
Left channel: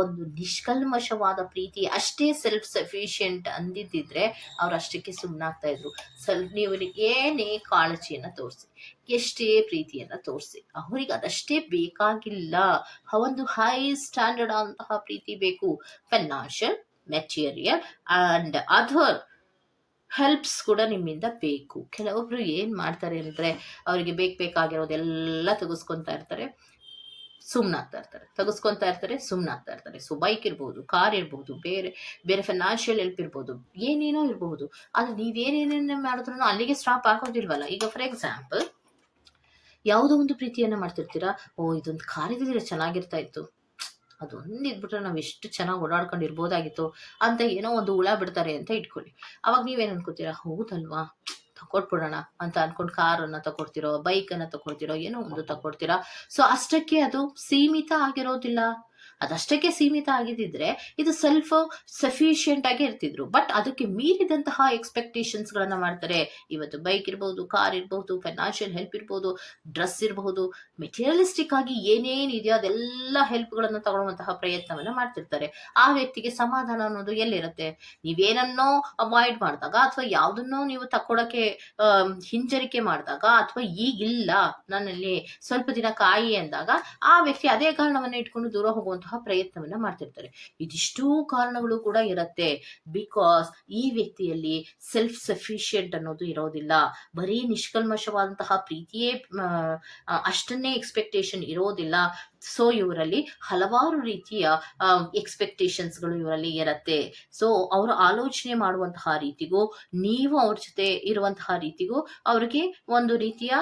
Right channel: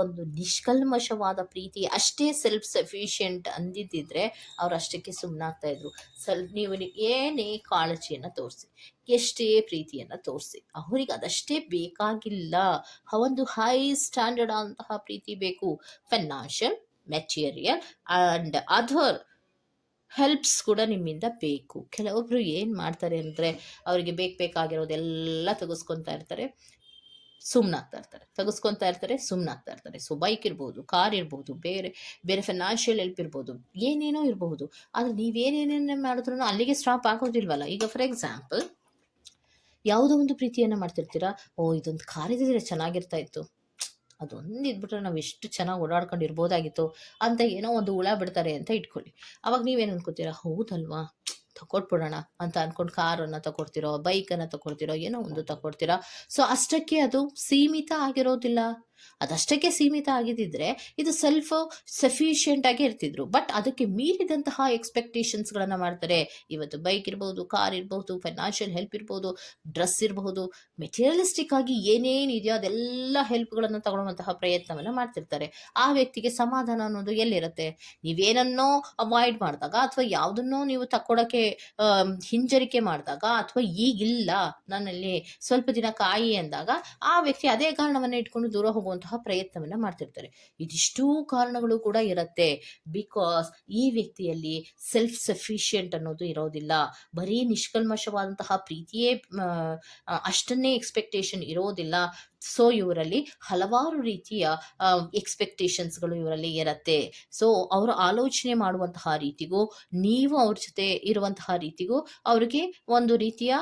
Speaker 1: ಒಂದು ನಿಷ್ಕಲ್ಮಶವಾದ ಪ್ರೀತಿ ಅಷ್ಟೇ ಸೆಲ್ಫ್ ಸಫಿಷಿಯೆಂಟ್ ಅಂದಿದ್ದಿದ್ರೆ ಅವ್ರು ಅಷ್ಟಕ್ಕೆ ಸುಮ್ಮನಾಗ್ತಾ ಇದ್ರು. ಸ್ವಲ್ಪ ನೀವು ಏನೇ ಕಾಳಜಿಯನ್ನು ತೋರಿಸಿ, ಎಷ್ಟೇ ಪ್ರೀತಿಯನ್ನು ತೋರಿಸಿ, ಅವ್ರಿಗೆ ಅದಷ್ಟೇ ಬೇಕಾಗಿಲ್ಲ. ಒಂದು ಹೈ ಸ್ಟ್ಯಾಂಡರ್ಡ್ ಆದಂತಹ ಪ್ರೀತಿ ಬೇಕು. Financial material and other helps ಕೂಡ ನಿಮ್ಮಿಂದ ಬೇಕು. ಕೆಲವೊಬ್ರು ಏನು ಮಾಡ್ತಾರೆ ಅಂದರೆ ಅವರಿಗೆ ಬೇಕು ಬೇಕಾಗಿರೋದೆಲ್ಲ ತೆಗೆಸ್ಕೊತಾ ಇರ್ತಾರೆ ಸುಮ್ಮನಾಗ್ತಾ ಇರ್ತಾರೆ. ತೆಗೆಸ್ಕೊತಾ ಇರ್ತಾರೆ ಸುಮ್ಮನಾಗ್ತಾ ಇರ್ತಾರೆ. ಸೊ ಬೈಕ್ ಇರ್ಬೋದು ಕಾರ್ ಇರ್ಬೋದು, ಬೇರೆ ಬೇರೆ ಫೈನಾನ್ಷಿಯಲ್ ಹೆಲ್ಪ್ ಇರ್ಬೋದು, ಏನೇನೋ ಇರಬಹುದು ಆದರೆ ನೀವೇನೇನೇನೇ ಮಾಡಿದ್ರು ಅಲ್ಲಿಗೆ ಸ್ಟಾಪ್ ಆಗೋದಿಲ್ವಲ್ಲ? ಈಗ ಫಾರ್ ಎಕ್ಸಾಂಪಲ್ ಯಾವುದೋ ಒಂದು ಪ್ರೀತಿಯನ್ನು ಮಾಡ್ತಿರ್ತೀರಾ? ಓ, ಇದೊಂದು ಕಾರ್ ಇದ್ದಿದ್ರೆ ಚೆನ್ನಾಗಿರ್ತಾ ಇತ್ತು. ಅದೊಂದು ಇದ್ಬಿಟ್ರೆ ನಾವು ಎಷ್ಟು ಚೆನ್ನಾಗಿ ಓಡಾಡ್ಕೊಂಡು ಇರ್ಬೋದಾಗಿತ್ತು ಅಂತ ಏನೋ ಒಂದು ಹುಳ ಬಿಡ್ತಾರೆ ಅಂತ ಇಟ್ಕೊಳ್ಳಿ. ಅವಾಗ ನೀವೇನು ಅನ್ಕೋತೀರಾ, ಹೌದಲ್ವಾ? ತಗೊಟ್ಬಿಡೋಣ ಅಂತ ಅನ್ಕೊಂಡು ಕಾರನ್ನು ತಗೊಡ್ತಿರೋ ಬೈಕನ್ನು ತಗೊಳ್ತಿರೋ ಏನೋ ಒಂದು ತಗೊಡ್ತೀರಾ ಸೊ ಅಷ್ಟಕ್ಕೆ ಅದು ಸೀಮಿತ ಆಗಿರೋದಿಲ್ಲ. ಅದಷ್ಟಕ್ಕೆ ಸೀಮಿತ ಆಗಿದ್ದಿದ್ರೆ ಇದು ಸೆಲ್ಫ್ ಸಫಿಷಿಯೆಂಟ್ ಆಗಿ ಇರ್ತಿದ್ರು. ಬಟ್ ಅದಕ್ಕೆ ಮೀರಿದಂತಹ ಎಕ್ಸ್ಪೆಕ್ಟೇಷನ್ಸ್ಗಳನ್ನು ಮಾಡ್ತಾರೆ. ಇವತ್ತು ಬೈಕ್ ಇರ್ಬೋದು ಕಾರ್ ಇರ್ಬೋದು ಫೈನಾನ್ಷಿಯಲ್ ಹೆಲ್ಪ್ ಇರ್ಬೋದು ಡ್ರೆಸ್ ಇರಬಹುದು ಮೆಟೀರಿಯಲಿಸ್ಟಿಕ್ ಆಗಿ ಏನೇನಿದೆಯೋ ಅದೆಲ್ಲ ಹೆಲ್ಪ್ಗಳನ್ನು ತಗೊಳ್ಳುವಂತಹ ಪ್ರಯತ್ನವನ್ನು ಮಾಡ್ತಿರ್ತಾರೆ. ಆ ವ್ಯಕ್ತಿಗೆ ಸಮಾಧಾನ ಅನ್ನೋದು ಎಲ್ಲಿರುತ್ತೆ? ನೀವೇನನ್ನೋ ಅವಾಯ್ಡ್ ಮಾಡಿದಾಗ ಅಥವಾ ಯಾವುದನ್ನೋ ನೀವು ತಕ್ಕೊಡಕ್ಕೆ ಹಿಂಜರಿಕೆ ಮಾಡಿದಾಗ ಅಥವಾ ಈಗಿಲ್ಲ ನನ್ನಲ್ಲಿ ಸ್ವಲ್ಪ ದಿನ ಕಾಯಿ ಅಂದಾಗ ಆ ವ್ಯಕ್ತಿ ಅದೇ ಕಾರಣವನ್ನು ಇಟ್ಕೊಂಡು ದೂರ ಹೋಗುವಂತಹ ಪ್ರಯತ್ನವನ್ನ ಮಾಡ್ತಿರ್ತಾರೆ. ಇದಿಷ್ಟೂ ಕಾರಣಗಳು ಕೂಡ ಇರುತ್ತೆ. ಬಿಕಾಸ್ ಈ ವ್ಯಕ್ತಿಯಲ್ಲಿ ಸೆಲ್ಫ್ ಸಫಿಷಿಯೆಂಟ್ ಅನ್ನೋದು ಇರೋದಿಲ್ಲ. ಬರೀ ನಿಷ್ಕಲ್ಮಶವಾದಂತಹ ಪ್ರೀತಿಯೇ ಅಷ್ಟನ್ನೇ ಎಕ್ಸ್ಪೆಕ್ಟೇಷನ್ ಇರೋದಿಲ್ಲ. ಸೊ ಇವರಲ್ಲಿ ಹಲವಾರು ರೀತಿಯ ಎಕ್ಸ್ಪೆಕ್ಟೇಷನ್ಸ್ಗಳು ಇವರಲ್ಲಿ ಇರುತ್ತೆ. ಸೊ ಅವರು ಆಲೋಚನೆ ಮಾಡುವಂತಹ ರೀತಿಗೂ, ನೀವು ಅವ್ರ ಜೊತೆ ಇರುವಂತಹ ರೀತಿಗೂ ಅವ್ರಿಗೆ ಒಂದು ರೀತಿಯ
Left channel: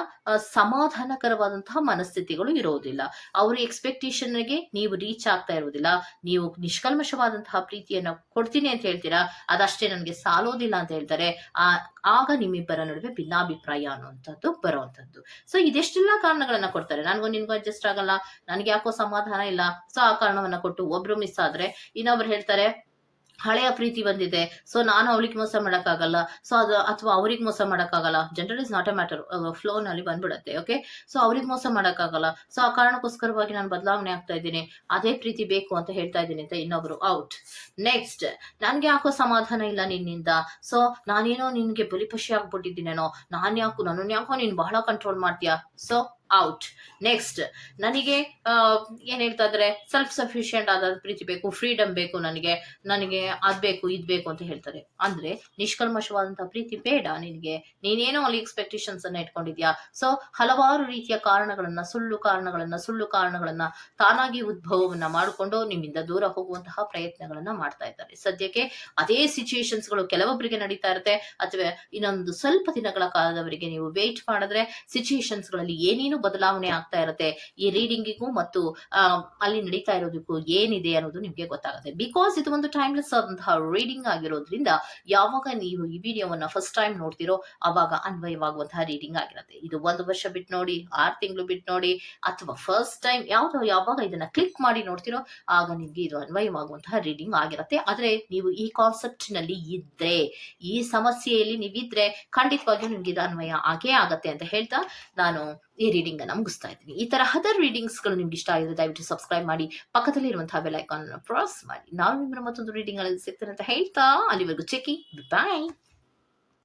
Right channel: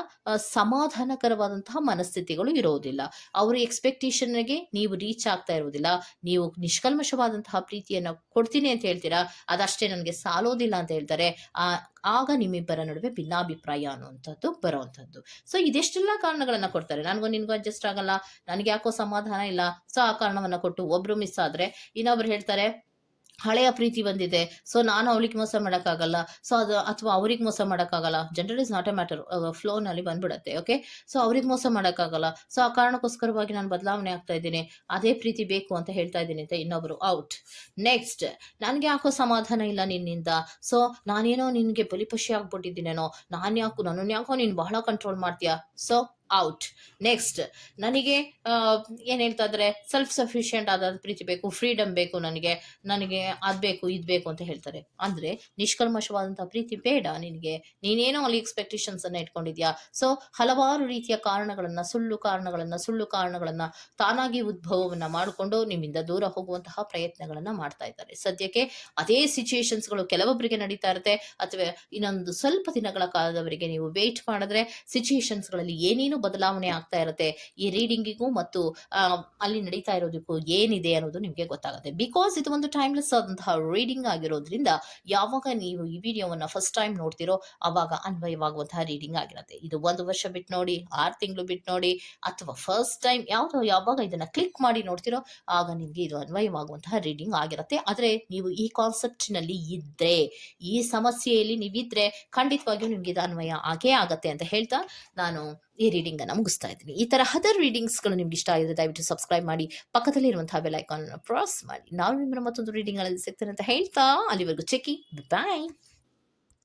Speaker 1: ಸಮಾಧಾನಕರವಾದಂತಹ ಮನಸ್ಥಿತಿಗಳು ಇರೋದಿಲ್ಲ. ಅವ್ರ ಎಕ್ಸ್ಪೆಕ್ಟೇಷನ್ಗೆ ನೀವು ರೀಚ್ ಆಗ್ತಾ ಇರೋದಿಲ್ಲ ನೀವು ನಿಷ್ಕಲ್ಮಶವಾದಂತಹ ಪ್ರೀತಿಯನ್ನು ಕೊಡ್ತೀನಿ ಅಂತ ಹೇಳ್ತೀರಾ? ಅದಷ್ಟೇ ನನಗೆ ಸಾಲೋದಿಲ್ಲ ಅಂತ ಹೇಳ್ತಾರೆ. ಆ ಆಗ ನಿಮ್ಮಿಬ್ಬರ ನಡುವೆ ಭಿನ್ನಾಭಿಪ್ರಾಯ ಅನ್ನುವಂಥದ್ದು ಬರುವಂಥದ್ದು. ಸೊ ಇದೆಷ್ಟೆಲ್ಲ ಕಾರಣಗಳನ್ನ ಕೊಡ್ತಾರೆ? ನನಗೂ ನಿನ್ಗೂ ಅಡ್ಜಸ್ಟ್ ಆಗಲ್ಲ. ನನಗೆ ಯಾಕೋ ಸಮಾಧಾನ ಇಲ್ಲ. ಸೊ ಆ ಕಾರಣವನ್ನ ಕೊಟ್ಟು ಒಬ್ರು ಮಿಸ್ ಆದ್ರೆ ಇನ್ನೊಬ್ರು ಹೇಳ್ತಾರೆ ಹಳೆಯ ಪ್ರೀತಿ ಬಂದಿದೆ. ಸೊ ನಾನು ಅವಳಿಗೆ ಮೋಸ ಮಾಡೋಕ್ಕಾಗಲ್ಲ. ಸೊ ಅದು ಅಥವಾ ಅವ್ರಿಗೆ ಮೋಸ ಮಾಡೋಕ್ಕಾಗಲ್ಲ. General is not a matter ಫ್ಲೋನಲ್ಲಿ ಬಂದ್ಬಿಡತ್ತೆ ಓಕೆ ಸೊ ಅವ್ರಿಗೆ ಮೋಸ ಮಾಡೋಕ್ಕಾಗಲ್ಲ. ಸೊ ಆ ಕಾರಣಕ್ಕೋಸ್ಕರವಾಗಿ ನಾನು ಬದಲಾವಣೆ ಆಗ್ತಾ ಇದ್ದೀನಿ. ಅದೇ ಪ್ರೀತಿ ಬೇಕು ಅಂತ ಹೇಳ್ತಾ ಇದ್ದೀನಿ ಅಂತ ಇನ್ನೊಬ್ರು ಔಟ್ ನೆಕ್ಸ್ಟ್ ನನಗೆ ಯಾಕೋ ಸಮಾಧಾನ ಇಲ್ಲ ನಿನ್ನಿಂದ? ಸೊ ನಾನೇನೋ ನಿನಗೆ ಬಲಿಪಶಿ ಆಗ್ಬಿಟ್ಟಿದ್ದೀನೇನೋ? ನಾನು ಯಾಕೋ ನನ್ನನ್ನು ಯಾಕೋ ನೀನು ಬಹಳ ಕಂಟ್ರೋಲ್ ಮಾಡ್ತೀಯಾ? ಸೊ ಔಟ್ ನೆಕ್ಸ್ಟ್ ನನಗೆ ಏನು ಹೇಳ್ತಾ ಇದ್ದಾರೆ? ಸೆಲ್ಫ್ ಸಫಿಷಿಯೆಂಟ್ ಆದ ಪ್ರೀತಿ ಬೇಕು ಫ್ರೀಡಮ್ ಬೇಕು ನನಗೆ ನನಗೆ ಅದು ಬೇಕು, ಇದು ಬೇಕು ಅಂತ ಹೇಳ್ತಾರೆ. ಅಂದರೆ ನಿಷ್ಕಲ್ಮಶವಾದಂಥ ಪ್ರೀತಿ ಬೇಡ ನಿನಗೆ. ನೀನೇನೋ ಅಲ್ಲಿ ಎಕ್ಸ್ಪೆಕ್ಟೇಷನ್ಸ್ ಅನ್ನ ಇಟ್ಕೊಂಡಿದ್ಯಾ? ಸೊ ಹಲವಾರು ರೀತಿಯ ಕಾರಣಗಳನ್ನ, ಸುಳ್ಳು ಕಾರಣಗಳನ್ನ ಸುಳ್ಳು ಕಾರಣಗಳನ್ನ ತಾನಾಗಿ ಉದ್ಭವವನ್ನ ಮಾಡಿಕೊಂಡು ನಿಮ್ಮಿಂದ ದೂರ ಹೋಗುವಂತಹ ಪ್ರಯತ್ನಗಳನ್ನ ಮಾಡ್ತಾ ಇದ್ದಾರೆ. ಸದ್ಯಕ್ಕೆ ಅದೇ ಸಿಚುಯೇಷನ್ಸ್ಗಳು ಕೆಲವೊಬ್ಬರಿಗೆ ನಡೀತಾ ಇರುತ್ತೆ. ಅಥವಾ ಇನ್ನೊಂದು ಸ್ವಲ್ಪ ದಿನಗಳ ಕಾಲದವರೆಗೆ ನೀವು ವೇಟ್ ಮಾಡಿದ್ರೆ ಸಿಚುಯೇಷನ್ಸ್ಗಳಲ್ಲಿ ಏನೇನು ಬದಲಾವಣೆ ಆಗ್ತಾ ಇರುತ್ತೆ? ಈ ರೀಡಿಂಗಿಗೂ ಮತ್ತು ಅಲ್ಲಿ ನಡೀತಾ ಇರೋದಕ್ಕೂ ಏನಿದೆ ಅನ್ನೋದು ನಿಮಗೆ ಗೊತ್ತಾಗುತ್ತೆ. ಬಿಕಾಸ್ ಇದು ಒಂದು ಟೈಮ್ಲೆಸ್ ಆದಂತಹ ರೀಡಿಂಗ್ ಆಗಿರೋದ್ರಿಂದ ಯಾವಾಗ ನೀವು ಈ ವಿಡಿಯೋವನ್ನ ಫಸ್ಟ್ ಟೈಮ್ ನೋಡ್ತಿರೋ ಅವಾಗ ಅನ್ವಯವಾಗುವಂತಹ ರೀಡಿಂಗ್ ಆಗಿರುತ್ತೆ. ಇದು ಒಂದು ವರ್ಷ ಬಿಟ್ಟು ನೋಡಿ, ಆರು ತಿಂಗಳು ಬಿಟ್ಟು ನೋಡಿ, ಅಥವಾ ಫಸ್ಟ್ ಟೈಮ್ ಯಾವ್ದು ಯಾವಾಗ ಇದನ್ನ ಕ್ಲಿಕ್ ಮಾಡಿ ನೋಡ್ತಿರೋ ಆಗ ನಿಮ್ಗೆ ಇದು ಅನ್ವಯವಾಗುವಂತಹ ರೀಡಿಂಗ್ ಆಗಿರುತ್ತೆ. ಆದರೆ ನೀವು ಈ ಕಾನ್ಸೆಪ್ಟ್ನಲ್ಲಿ ಇದ್ರೆ, ಈ ಸಮಸ್ಯೆಯಲ್ಲಿ ನೀವಿದ್ರೆ ಖಂಡಿತವಾಗಿಯೂ ನಿಮ್ಗೆ ಇದು ಅನ್ವಯ ಆಗೇ ಆಗತ್ತೆ ಅಂತ ಹೇಳ್ತಾ ನಾನು ಈ ರೀಡಿಂಗ್ ಅನ್ನ ಮುಗಿಸ್ತಾ ಇದ್ದೀನಿ. ಈ ತರ ಹದರ್ ರೀಡಿಂಗ್ಸ್ಗಳು ನಿಮ್ಗೆ ಇಷ್ಟ ಆಗಿದೆ ದಯವಿಟ್ಟು ಸಬ್ಸ್ಕ್ರೈಬ್ ಮಾಡಿ ಪಕ್ಕದಲ್ಲಿ ಇರುವಂತಹ ಬೆಲ್ ಐಕಾನ್ ಪ್ರೆಸ್ ಮಾಡಿ. ನಾವು ನಿಮ್ಮನ್ನ ಮತ್ತೊಂದು ರೀಡಿಂಗ್ ಅಲ್ಲಿ ಸಿಗ್ತೇನೆ ಅಂತ ಹೇಳ್ತಾ, ಅಲ್ಲಿವರೆಗೂ ಚೆಕಿಂಗ್ ಬಾಯ್